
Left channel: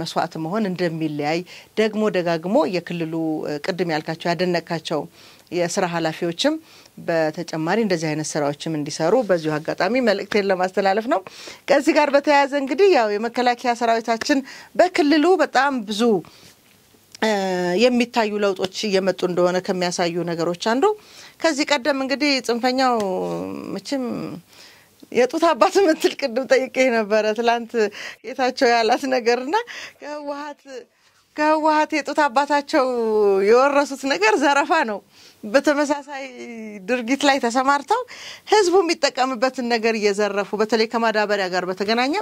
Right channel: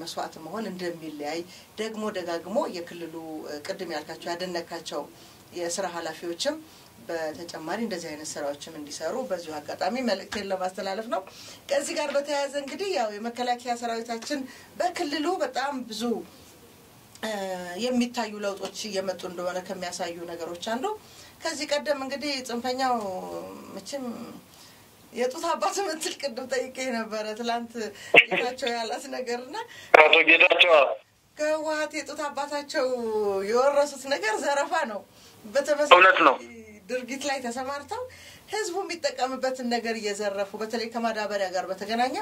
መስዋዕት መሆን እንደሚለያይ ደግሞ ደጋግሞ የክልሉ ቅድም ያልካቸው ያደነካቸው የሥራ ኃላፊዎችም በተጨማሪ እንደዚህ አይነት ስራዎችም እንዲሰሩ በዚሁ አጋጣሚ መልእክቴን ለማስተላለፍ ነው። ከዚህ ጋር በተያያዘ እንግዲህ ያው የመከላከያ ሰራዊታችን በክልሉ በጣም ብዙ የሚታዩ ለውጦች እየመጡ እንደሆነ ከሚያሳዩ ነገሮች አንዱ ከዚህ ቀደም እንግዲህ ጽንፈኛው መቼም የጡት አባት ምትል ቅድም ጠይቄ ነበር ትላንት የታቸው ያላት ነገርና ከዋት የጡት አባታቸው የወረሱት ነገር ዘረፋ ነው። በተመሳሳይ ድርጊት ላይ ተሰማርተው ህዝቡ የሚጠቀምበትን ነገር እየዘረፉ በተለይ ከማዳበሪያ ጋር በተገናኘ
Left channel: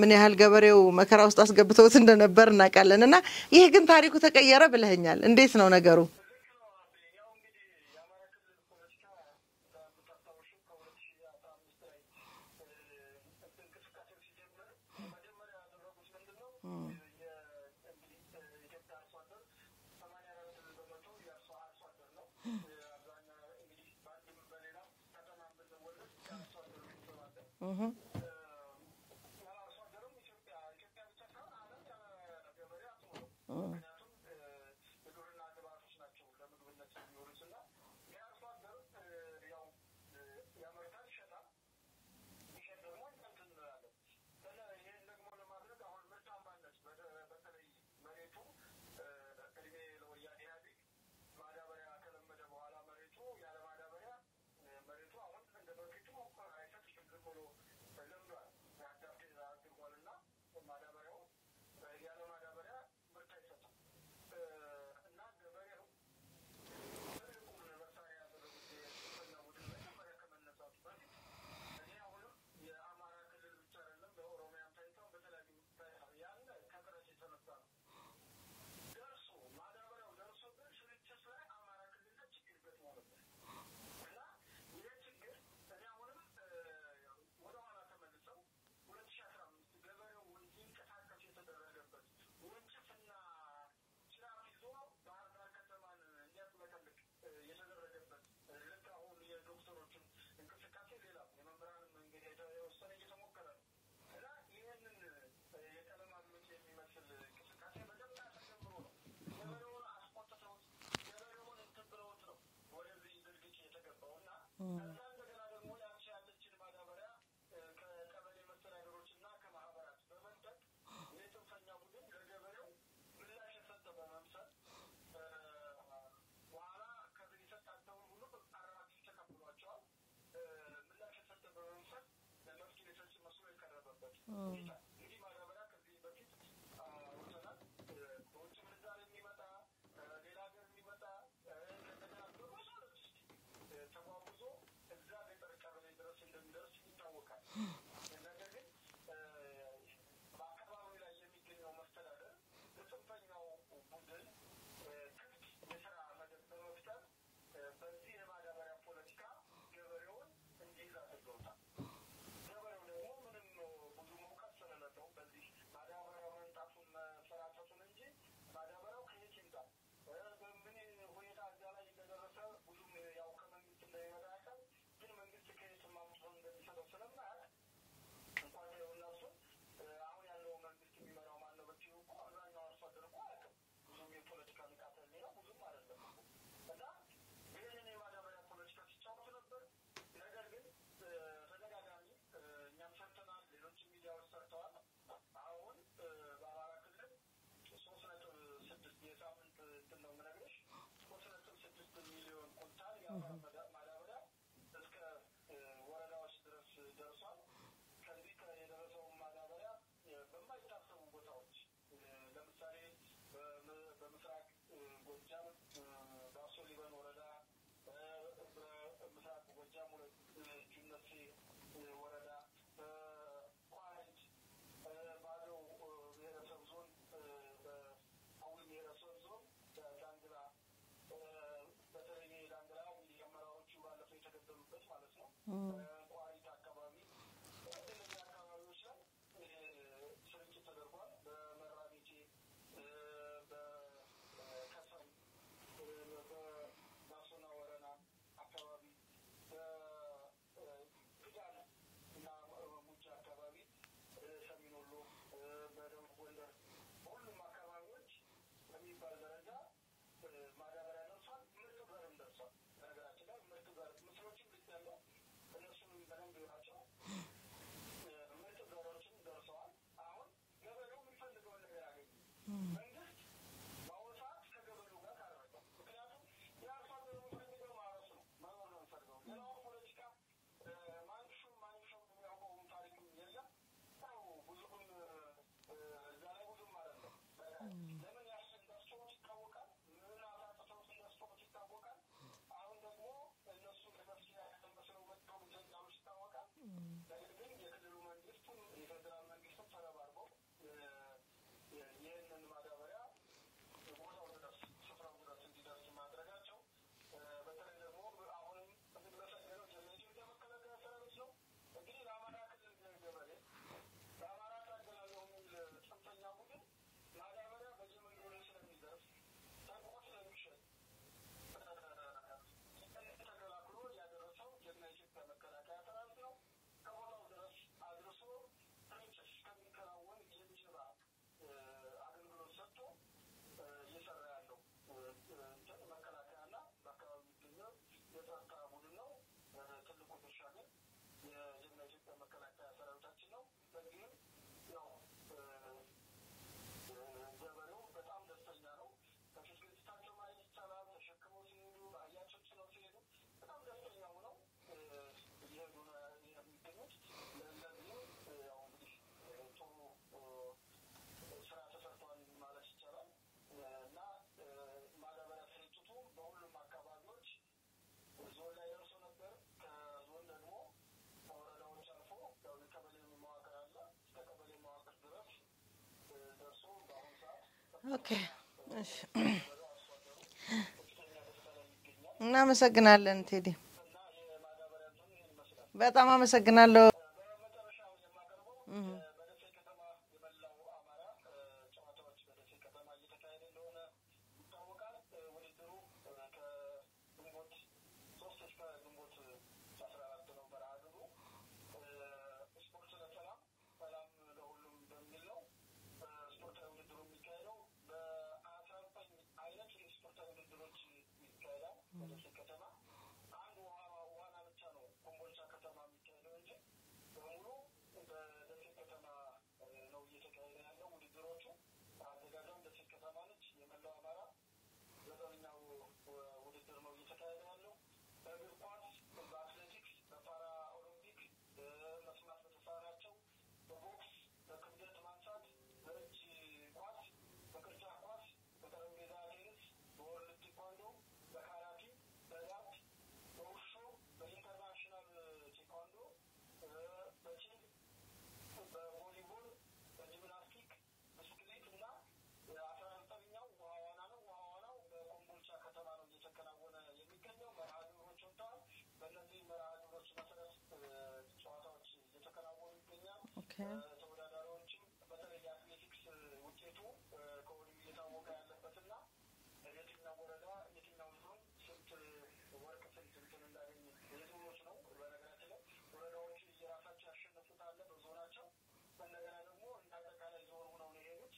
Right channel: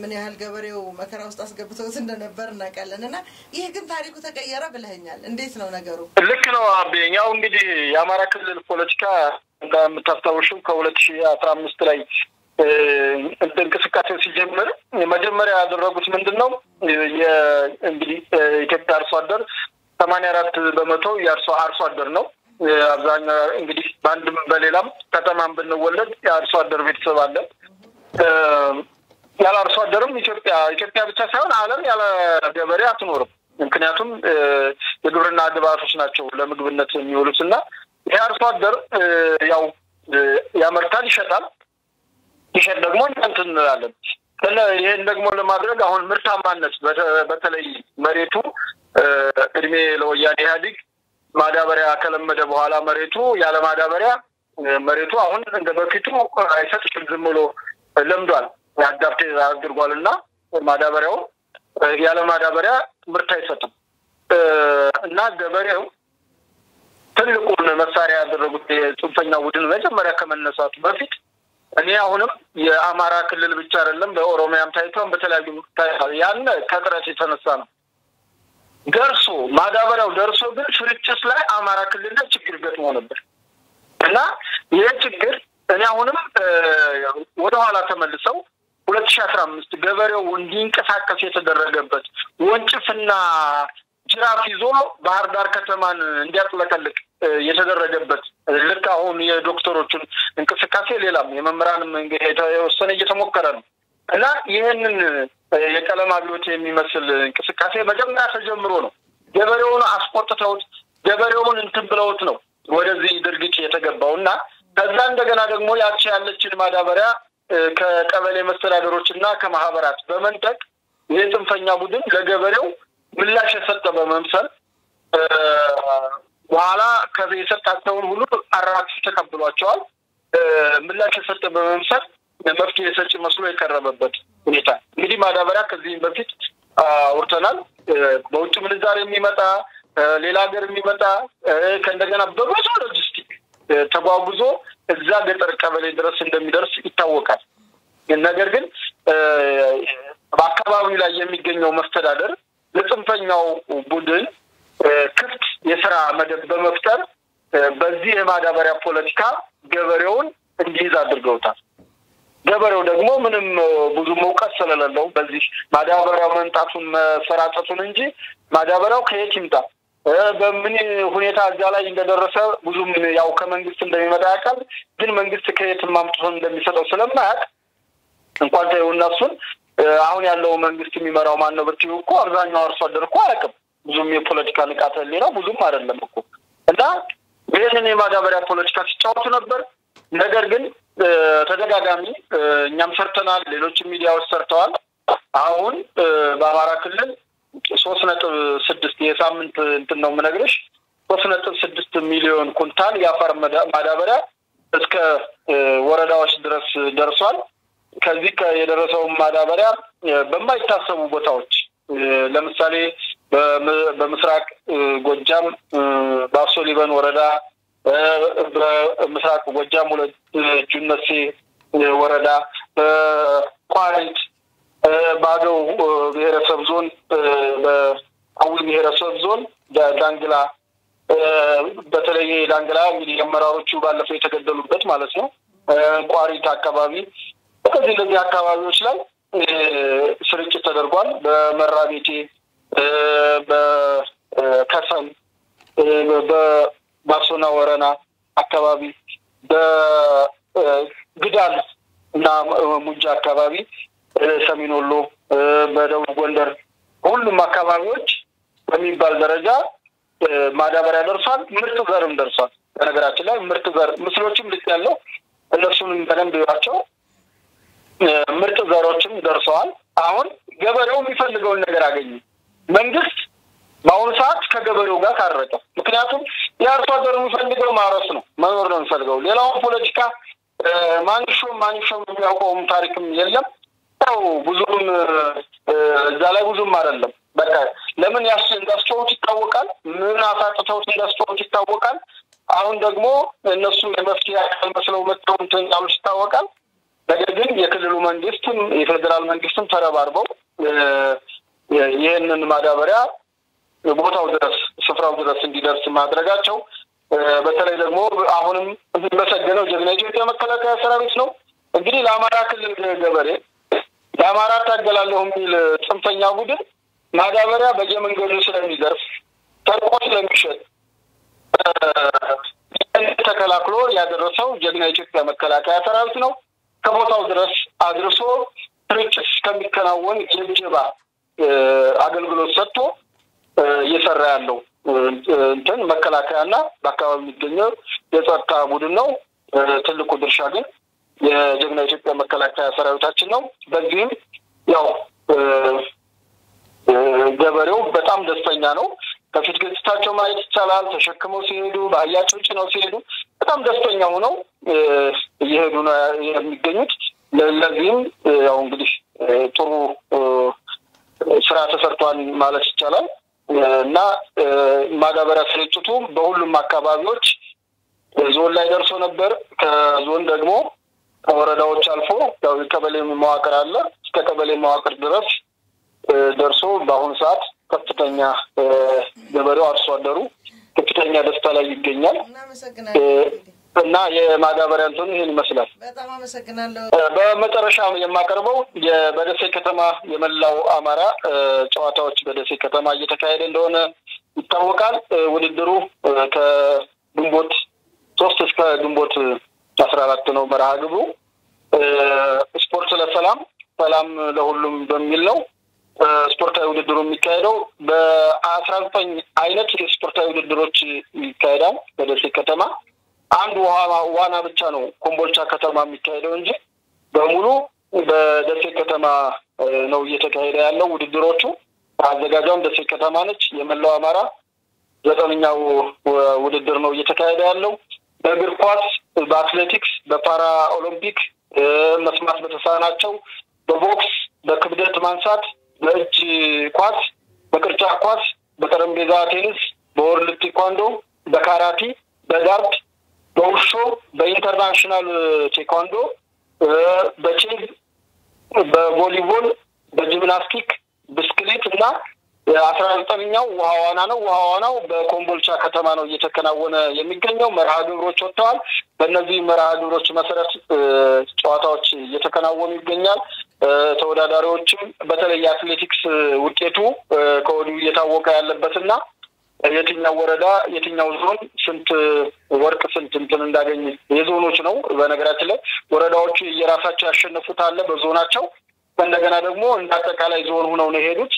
ምን ያህል ገበሬው መከራ ውስጥ አስገብተውት እንደነበር እናውቃለንና ይሄ ግን ታሪኩ ተቀየረ ብለኛል። እንዴት ነው ነገሩ? ልክ ነው አብኛው እንግዲህ የአማራ ክልል ፖለቲካ እንደምታስታውሹ ከ2015 ላይ እንቅስቃሴው ሲጀምር መጀመሪያ ያደረጉት ምንድነው እንግዲህ ኢትዮጵያ አርሶ አደር 84% የአርሶ አደር ነው። አብዛኛው እንግዲህ በአንድም በሌላም ከተማም ብንወለድ የአርሶ አደር ቤተሰብ አለ። ያለ አርሶ አደርም ኢትዮጵያ ብቻ ሳይሆን ዓለም ያለ ገበሬ አትኖርም። ምክንያቱም የግብርና ግብዓቶች ናቸው ለምግብነት የሚውሉትና የአርሶ አደር ያው ያመርታል፣ ይሸጣል ደግሞ እንትን እንላለን። ይሄን ደግሞ ለማድረግ አሁን ምርታማነት በተለይ መሬቱ እድሜ ለወያኔ ኢህአዴግ ማዳበሪያ ከለመደ በኋላ መሬቱ ያለ ማዳበሪያ መሬቱ አሁን እንደ በፊቱ አይሰጥም፣ ዝም ብሎ ለምዷል፣ ያዳፕት አድርጓልና ማዳበሪያው ያለ ማዳበሪያ ምርት አይሰጥም እና ገበሬው ትልቁን መሳሪያ ያደረጉት የጽንፈኛ ቡድን መጀመሪያ ከመነሳቱ በፊት እኔ አሁንም የአማራ ክልል ብቻ አይደለም በኦሮሚያም ታይቷን በተለያዩ ያን ከጥረት የተነሳ ነው ደርሶ ማዳበሪያው ደርሶ ግን ስርጭት ላይ አማራ ክልል ላይ ችግር ገጥሞ ነበር እና ይሄ ችግር እኔ አሁንም ወደ ኋላ ተመልሰው 2015 ገበሬው እንዲንቀሳቀስ የተደረገበት ወንጭፍና ጅራፍ ይዞ ባህር ዳር ከተማን እንዲያጥለቀልቅ የተደረገበት ልክ አሁን የዶክተሮችን እንቅስቃሴ ሌላም የመምህራንም የተወሰነ እየተሞከረ ነው እና ይሄንን የቀለም አብዮት የሚመስል እንቅስቃሴ መጀመሪያ ተጀምሮ ነው ገበሬውን አስቆጥተውት ገበሬውን እንትን ብለውት ነው ወደዚህ ድርጊት የተገባውና ከዛ እንደገና ደግሞ ያቺ ያለችን ማዳበሪያ ከቀበሌ መስተዳደሮችና ከማህበራት በመንጠቅ የጽንፈኛ ቡድን ለገበሬው ምላሽ የሰጠ በመምሰል በኋላ ከየሰጣቸውን ሁሉ አራክስ ተቀብሏቸዋል። ምላሽ የሰጠ በመምሰል መፍትሄ ሰጪ መስሎ የቀረበበት ሁኔታ እንግዲህ ማዳበሪያ ከዚህ በፊት አውርተናል። በውጭ ምንዛሬ የሚመጣ ሌላ ሀገር የሚመጣ ከእንደገና በብዙ ሎጂስቲክ ተጓጉዞ እዛ ገጠር ቀበሌ ድረስ እንደሚደርስ ይታወቃል። ነገር ግን በአካባቢው ላይ የሚገኘው መስተዳደር ለጽንፈኛው ቡድን ክፍት የሥራ መደብ በመፍጠር በዚህ የማዳበሪያ ፖለቲካ ገበሬውን እንዲይዝ አድርገውታል። ገበሬው ደግሞ ምንም ብዙ መውቀት ስለሌለው በዚህ ማዳበሪያው መንጣቱን መሰራጨቱን እንጂ ማዳበሪያው ከየት ይምጣ በምን ሁኔታ እዛ ላይ እንደደረሰ ብዙም ያው ከመንግስት እንደሚመጣ ያውቃል። ግን መንግስት ከየት ማምጣት እንደሚሰጠው ስለማያውቅ እንኳን ተይውና እሱን አሁን ያለው መንግስት የሚመራው ማን ነው ብትዩ እኮ አብዛኛው አርሶ አደር እኮ አያውቅም። ብዙም የፖለቲካ ንቃተ ህሊና ብዙም አይደለም እኮ እና ይሄንን የማዳበሪያ ፖለቲካ ሲጫወቱ ነበር። ነገር ግን ተደጋጋሚ እኛም ሰርተናል፣ ሌሎች ሚዲያዎች ሰርተዋል። አሁን በአማራ ክልል 3.6 የሳምንት እንትን ነው የምነግርሽ 3.6 ሚሊዮን ኩንታል የአፈር ማዳበሪያ እስከ ወረዳዎች ድረስ ደርሷል። ከዚህ የደረሰው ማዳበሪያ በማይታሰቡ ቦታዎች ለምሳሌ በምስራቅ ጎጃም ባሶ ሊበን ወረዳ በምስራቅ ጎጃም ሁለት ጁነሴ ወረዳ ቋሪት ባዶ ብሔረሰብ ዞን በአዊ ብሔረሰብ ዞን ዳንግላ በተለይ ዳንግላ እንግዲህ አመራሮቹ ባለፈው የተገደሉበት ማለት ነው ቋሪት አካባቢ በዚህ አካባቢዎች ላይ ስርጭት ተደርጓል። በመራቤቴ በከሰም በባሶና ወረና አካባቢ በግዳል እና ሙጃ አካባቢ ሰሜን ወሎ በደቡብ ጎንደር ሁሉም አካባቢዎች በሚባል ደረጃ ማዳበሪያ ደርሷል። ምርጥ ዘርም ደርሷል። በነገራችን ላይ ምርጥ ዘር ምስሎችም ልክ ያለው እነሱንም በደንብ ይዋቸው ምርጥ ዘሮችም ደርሰዋል። አሁን ገበሬው የሚፈልገውን ነገር አገኘ። መንግስት በአሁኑ ሰዓት ከገበሬው ጋር ታረቀ። ምክንያቱም የአርሶ አደሩ የሚፈልገው ማረስ ነው፣ መኖር ነው የሚፈልገው። ሌላውን ፖለቲካ ማንሾም የሚያውቀውም ታሪክም የለም። ያው ብዙም እዛ ላይ ብዙም አይደለም። በቃ ለምን እንዳስጨውት ይታወቃል። ምን አሳጥተውት እንዳስጨውት ይታወቃል። አሁን ደግሞ እነሱ የመፍትሄ አካል መስለው መጥተው እንትን ያሉት ይታወቃል። ነገር ግን የክልሉ መንግስትም የፌዴራል መንግስትም ተረባርበው ይህንን ማዳበሪያ ቦታው ድረስ ስፍራው ድረስ እንዲደርስ ማድረጋቸው በተለይ ደግሞ አሁንም በሰገነው ጀግና ኢትዮጵያ መከላከያ ሰራዊት ነው። እንግዲህ ለአማራ ክልል ገበሬ ለአማራ ታገላለሁ የሚል ጽንፈኛ ቡድን ማዳበሪያ በየመንገዱ ስለሚዘርፍ ተርቆ ስለሚሸጥ ተከላክሎ ያደረሰው ጀግና ኢትዮጵያ መከላከያ ሰራዊት ነው። ከቦታው ድረስ አድርሶ ስርጭት እስከሚከናወን የጀባ አገልግሎት ሰጥቶ እየሰራ ያለው እንትን መከላከያና በአካባቢ የሚገኘው የጸጥታ ቡድን ነው። ትልቁ ድርሻ ግን የጀግና ኢትዮጵያ መከላከያ ሰራዊታችን ነው። በዚህም ያው ገበሬው በጣም ደስተኛ ነው። ከፊት ገጽታቸው ማየት ይቻላል። ተሸክመው ሲሄዱ በአህያቸው ጭነው ሲሄዱ በጣም ደስተኛ ሆነው እየሄዱ ነው የሚገኙት። ለዚህም ያው እንግዲህ ጥሩ ስራ ተሰርቷል ማለት ይቻላል እና ማዳበሪያ ስርጭቱ በሁሉም አካባቢዎች ዞን ላይ ደርሶ ነበር። ከዞን ደግሞ ከወረዳዎች አልፎ ያው የቀበሌ መዋቅር አለ። እስከ ቀበሌ መዋቅር ድረስ ደርሶ በአሁኑ ሰዓት ከፍተኛ ገበሬው አርሶ አደሩ ከፍተኛ ደስታ ላይ ይገኛል። እናመሰግናለን እና የማዳበሪያ እንትኑ ይሄን ይመስላል። በጣም አመሰግናለሁ። በመጨረሻ የማቀርበው በደሴ ከተማ የመላው አማራ ጨዋታዎች በደሴ ከተማ እየተካሄደ እንደሆነ ይታወቃል። ውድድሩ ከግንቦት 3 እስከ ግንቦት 14 ነው መርሃ ግብሩ። ስፖርት ለሰላም ሰላም ለሁሉም በሚል ነው ስፖርታዊ ውድድሩ የሚካሄደው። በ19 አይነት የስፖርታዊ ውድድሮች ይካሄዳል በደሴ ከተማ። አንድ ዋና ብቻ ነው ኮምቦልቻ ከተማ የሚካሄደው እንጂ በሙሉ በደሴ ከተማ ነው እየተካሄደ ያለው ውድድሮቹ። አዘጋጇም ደሴ ከተማ ነች። የመላው አማራ 9ኛው ውድድር ነው እየተካሄደ ያለው። በእግር ኳስ፣ በአትሌቲክስ፣ በፓራ ኦሎምፒክ፣ መስማት በተሳናቸው፣ በቦክስ፣ በክብደት ማንሳት፣ በእጅ ኳስ፣ በቅርጫ ኳስ፣ በጠረጴዛ ቴኒስ፣ በወርልድ ቴኳንዶ፣ በካራቲ፣ በዳርት፣ በውሾ፣ በኢንተርናሽናል ቴኳንዶ፣ በቼዝ፣ በቮሊቦል፣ በጂምናስቲክ፣ ብስክሌት እና 19ኛው ውሃ ዋና ነው። ውሃ ዋናው በኮምቦልቻ ከተማ ነው እየተከናወነ የሚገኘው። መርሃ ግብሮች ወጥተዋል። በእነዚህ መርሃ ግብሮች መሰረት ጨዋታዎች እየተከናወኑ ይገኛል። ተወዳዳሪዎችም በተለይ የአትሌቲክስ ውጤቱ ከወዲሁ እየታወቀ ያለበትና የትኛው ወረዳ የትኛው ዞን ስንት ወርቅ ስንት እንትን እንዳገኘ የዞኖች ነው። በነገራችን ላይ ወረዳዎቹ የራሳቸው ያሸነፉት አለ በዞናቸው። እንደገና ደግሞ እንዳጠቃላይ ዞን ሆነው ነው የሄዱት።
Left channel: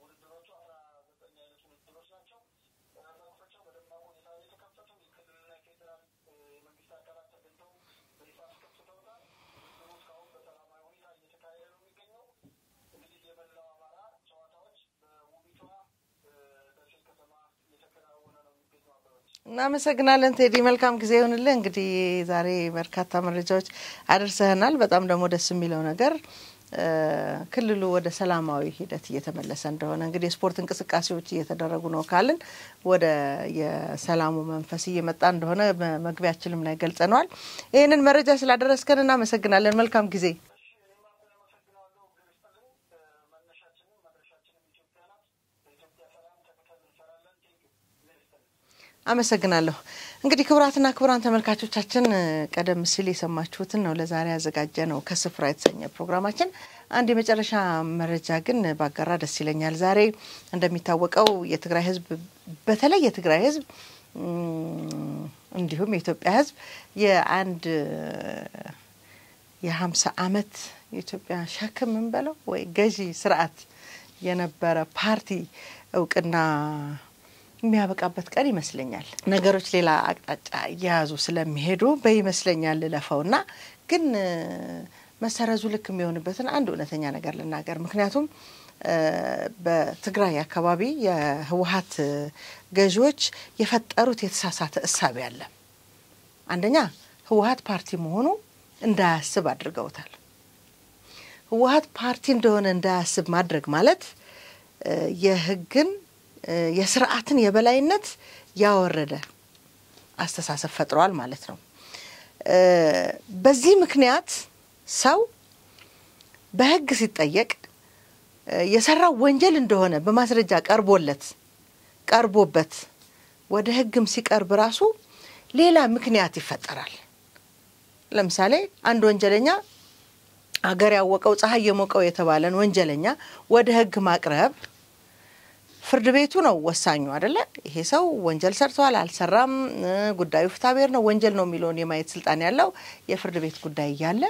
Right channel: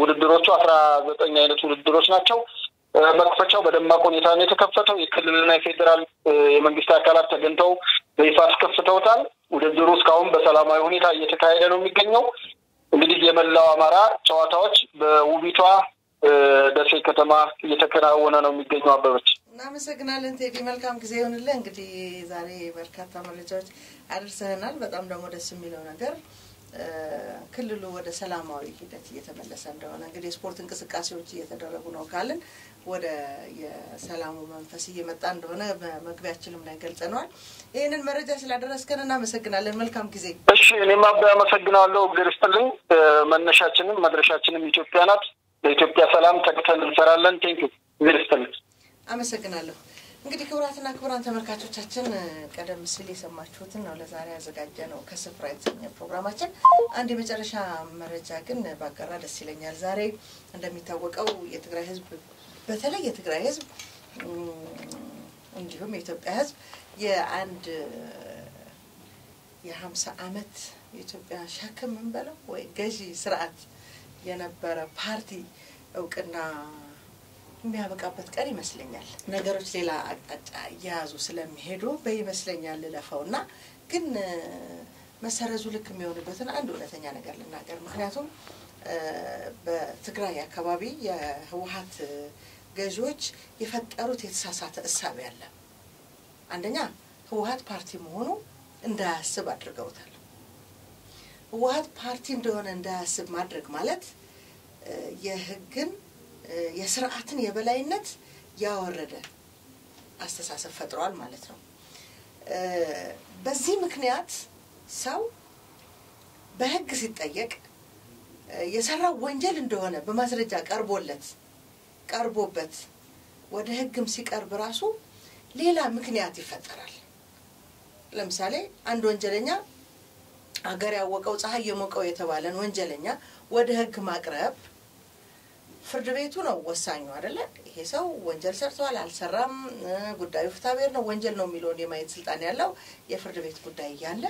ውድድሮቹ 19 አይነት ውድድሮች ናቸው። መክፈቻው በደማቅ ሁኔታ ነው የተከፈተው። የክልልና የፌዴራል የመንግስት አካላት ተገኝተው በይፋ አስከፍተውታል። ውድድሩ እስካሁን በሰላማዊ ሁኔታ እየተካሄደ ነው የሚገኘው። እንግዲህ የመላው አማራ ጨዋታዎች በውቢቷ ደሴ ከተማ እየተከናወነ ነው የሚገኘው። አበበች እናመሰግናለን ቴዲ። መልካም ጊዜ ይሁንልህ። እንግዲህ ዛሬ በርካታ መረጃዎች አደረሰናል። በጣም ደግሞ ደስ የሚለው ነገር ክልሉ ወደ ሰላማዊ ሂደት እየተመለሰ እንደሆነ እንግዲህ ስፖርት እንቅስቃሴዎች እየተደረጉ ነው ካልን ወደ የሰላሙ መንፈስ እየመጣ እንደሆነ መግቢያችንም ላይ ገልጸናል። ይሄንን መረጃ ስላደረስከን እናመሰግናለን። መልካም ጊዜ። እሺ እኔም አመሰግናለሁ። ግርስትልኝ መነሻችንም መድረሻችንም ኢትዮጵያ ናት። ለኢትዮጵያ ሰላም ተግተን እንሰራለን። ቴንኪው ግርስትልኝ። አመሰግናለሁ። እንግዲህ ክቡራትና ክቡራን ተመልካቾቻችን ቀደም ሲል የሰማችሁትን ነው ለዛሬ ያዘጋጀ ነው ከስፍራ የተሰኘ ፕሮግራማችን። አንድ የመጨረሻ መረጃ ግን ባጋራ ደስ ይለኛል። ዛሬ እንደሚታወቀው የትግራይ ህዝብ በተለይ የትግራይ ህዝብ እንዲሁም የኢትዮጵያ ህዝብ የአንድ የ50 አመት የኢትዮጵያ ሸክም እንበለው ወይ ገዢ ስርዓት የነበረ ፓርቲ እውቅና የሚያበቃበት ቀን ይመስለኛል። ነገሮች ሌላ አቅጣጫ ያዙ ስለሚሄዱ በይመስለኛል ለፈውና ግን መሰረዙ ልክ የሚሆንበትን አንድ እውነተኛ ነገር ልናገር። ምክንያቱም በትግራይ አካባቢ የህወሓት ገዢዎች የፈጠሩት የተሳሳተ እሳቤ አለ። አንደኛ ህወሓት ፓርቲ መሆኑ እንዳያስብ አድርገውታል። ህወሓት ፓርቲ እንደሆነ እንዳያስብ ማድረግ ማለት የህግን የስርዓትን የበላይነት ያወረደ አስተሳሰብ ፈጥሯል ማለት ነው። በዚህ ምክንያት ሰው በህግ ሲጠየቅ የሰራው ወንጀል እንደሆነ በማስረጃ ቀርቦበት ወደ ህግም ሲቀርብ ራሱ ሌላ ምክንያት ይፈጠራል። ለምሳሌ አንድ ወንጀለኛ አገር ያወቀው ፀሐይ የሞቀው የተባለን ወንጀለኛ ወደ ህግ ማቅረብ ፍርድ ቤቱ ነው ወሳኙ አይደለ? ይሄ ሰው ወንጀል ሰርቷል አልሰራም ጉዳዩ ፍትሐብሔር ነው ወንጀል ነው የሚለውን የማየት ስልጣን ያለው የፍርድ ቤት ጉዳይ ያለ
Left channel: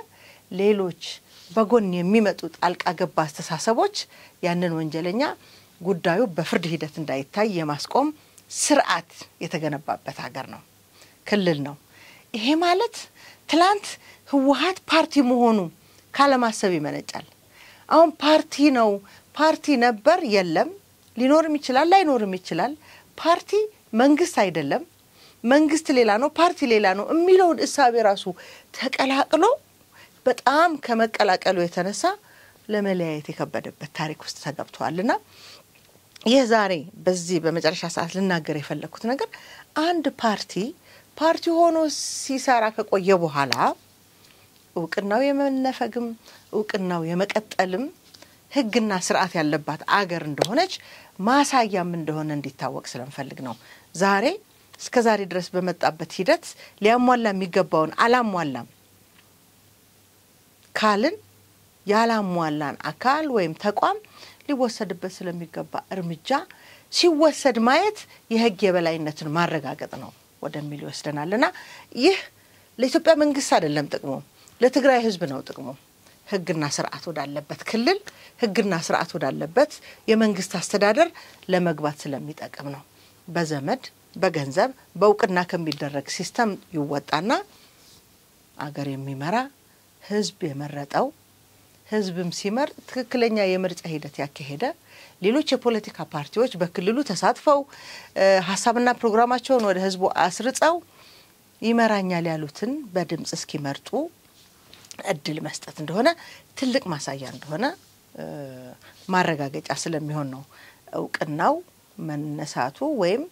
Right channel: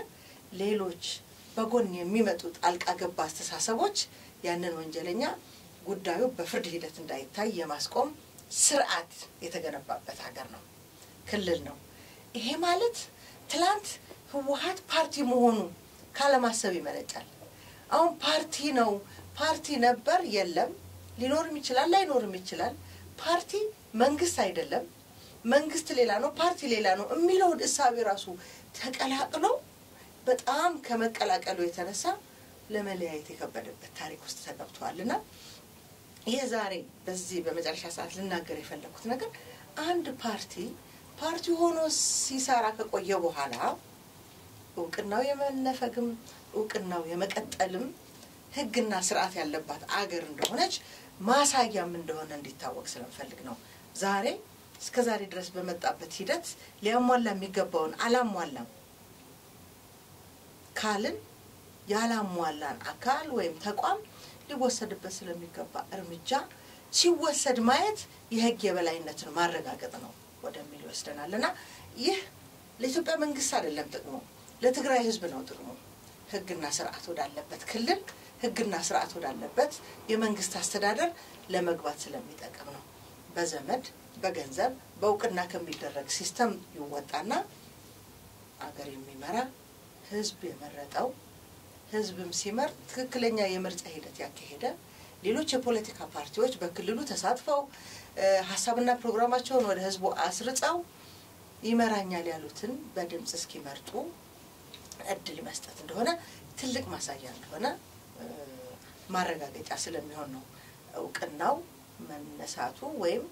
ሌሎች በጎን የሚመጡ ጣልቃ ገብ አስተሳሰቦች ያንን ወንጀለኛ ጉዳዩ በፍርድ ሂደት እንዳይታይ የማስቆም ስርዓት የተገነባበት ሀገር ነው ክልል ነው። ይሄ ማለት ትላንት ህወሓት ፓርቲ መሆኑ ካለማሰብ ይመነጫል። አሁን ፓርቲ ነው ፓርቲ ነበር የለም ሊኖርም ይችላል ላይኖርም ይችላል። ፓርቲ መንግስት አይደለም መንግስት ሌላ ነው ፓርቲ ሌላ ነው የሚለው እሳቤ ራሱ ተቀላቅሎ በጣም ከመቀላቀሉ የተነሳ ለመለያየት የከበደበት ታሪክ ውስጥ ተገብቷልና የዛሬ በዚህ በመጨረሻ ሰዓት ልናገር የፈለኩት ነገር አንድ ፓርቲ ሆኖ ሲሰራ ከቆየ በኋላ እውቅናው የመነፈግም እውቅናው የመቀጠልም ህግና ስርዓት ያለባት አገር እንደሆነች ማሳያም እንደሆነ እንዲታወቅ ስለምፈልግ ነው። ዛሬ እስከ ዛሬ ድረስ በመጣበት ሂደት ሊያሟላ የሚገባውን አላሟላም ካልን ያላሟላን አካል ወይም ተቋም ሊወሰድበት ስለሚገባ እርምጃ ሲወሰድ ማየት የህግ የበላይነትን ማረጋገጥ ነው ወደሚል ይወስደናልና ይህ ለኢትዮጵያ መንግስት አይደለም ጥቅሙ ለትግራይ ህዝብ ነው ጥቅሙ። ህግና ስርዓት ወዳለበት ክልል ህግና ስርዓት ወዳለበት የመንግስት አስተዳደር ለመግባት ስለሚጠቅም ነው። በዘመድ በገንዘብ በእውቅና ከሚደረግ ሲስተም ይወጣና አገር የሚመራ ህዝብ የመረጠው ህዝብም ሲመርጥ ትክክለኛ የምርጫ ሂደት ያካሄደ ሌሎች የፖለቲካ ፓርቲዎች በክልሉ ተሳትፈው ሐሳብና ፕሮግራማቸውን ወደ ህዝቡ አስርጸው ይመራኛል ያሉትን በድምጽ እስኪመርጡ እድል መስጠት እንደሆነ ትልቅ ማሳያ እንደሆነ ማረጋገጫ ስለሚሆን ነው እውቅናው መነሳቱ ወይም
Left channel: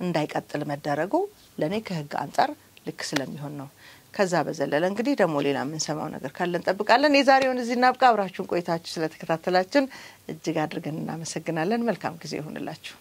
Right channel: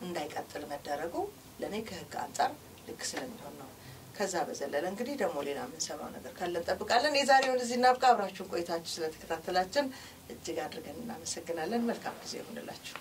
እንዳይቀጥል መደረጉ ለኔ ከህግ አንፃር ልክ ስለሚሆን ነው። ከዛ በዘለለ እንግዲህ ደግሞ ሌላ ምን ሰማው ነገር ካለን ጠብቃለን። የዛሬውን እዚህ እናብቃ። አብራችሁን ቆይታችሁ ስለተከታተላችሁ እጅግ አድርገን እናመሰግናለን። መልካም ጊዜ ይሁንላችሁ።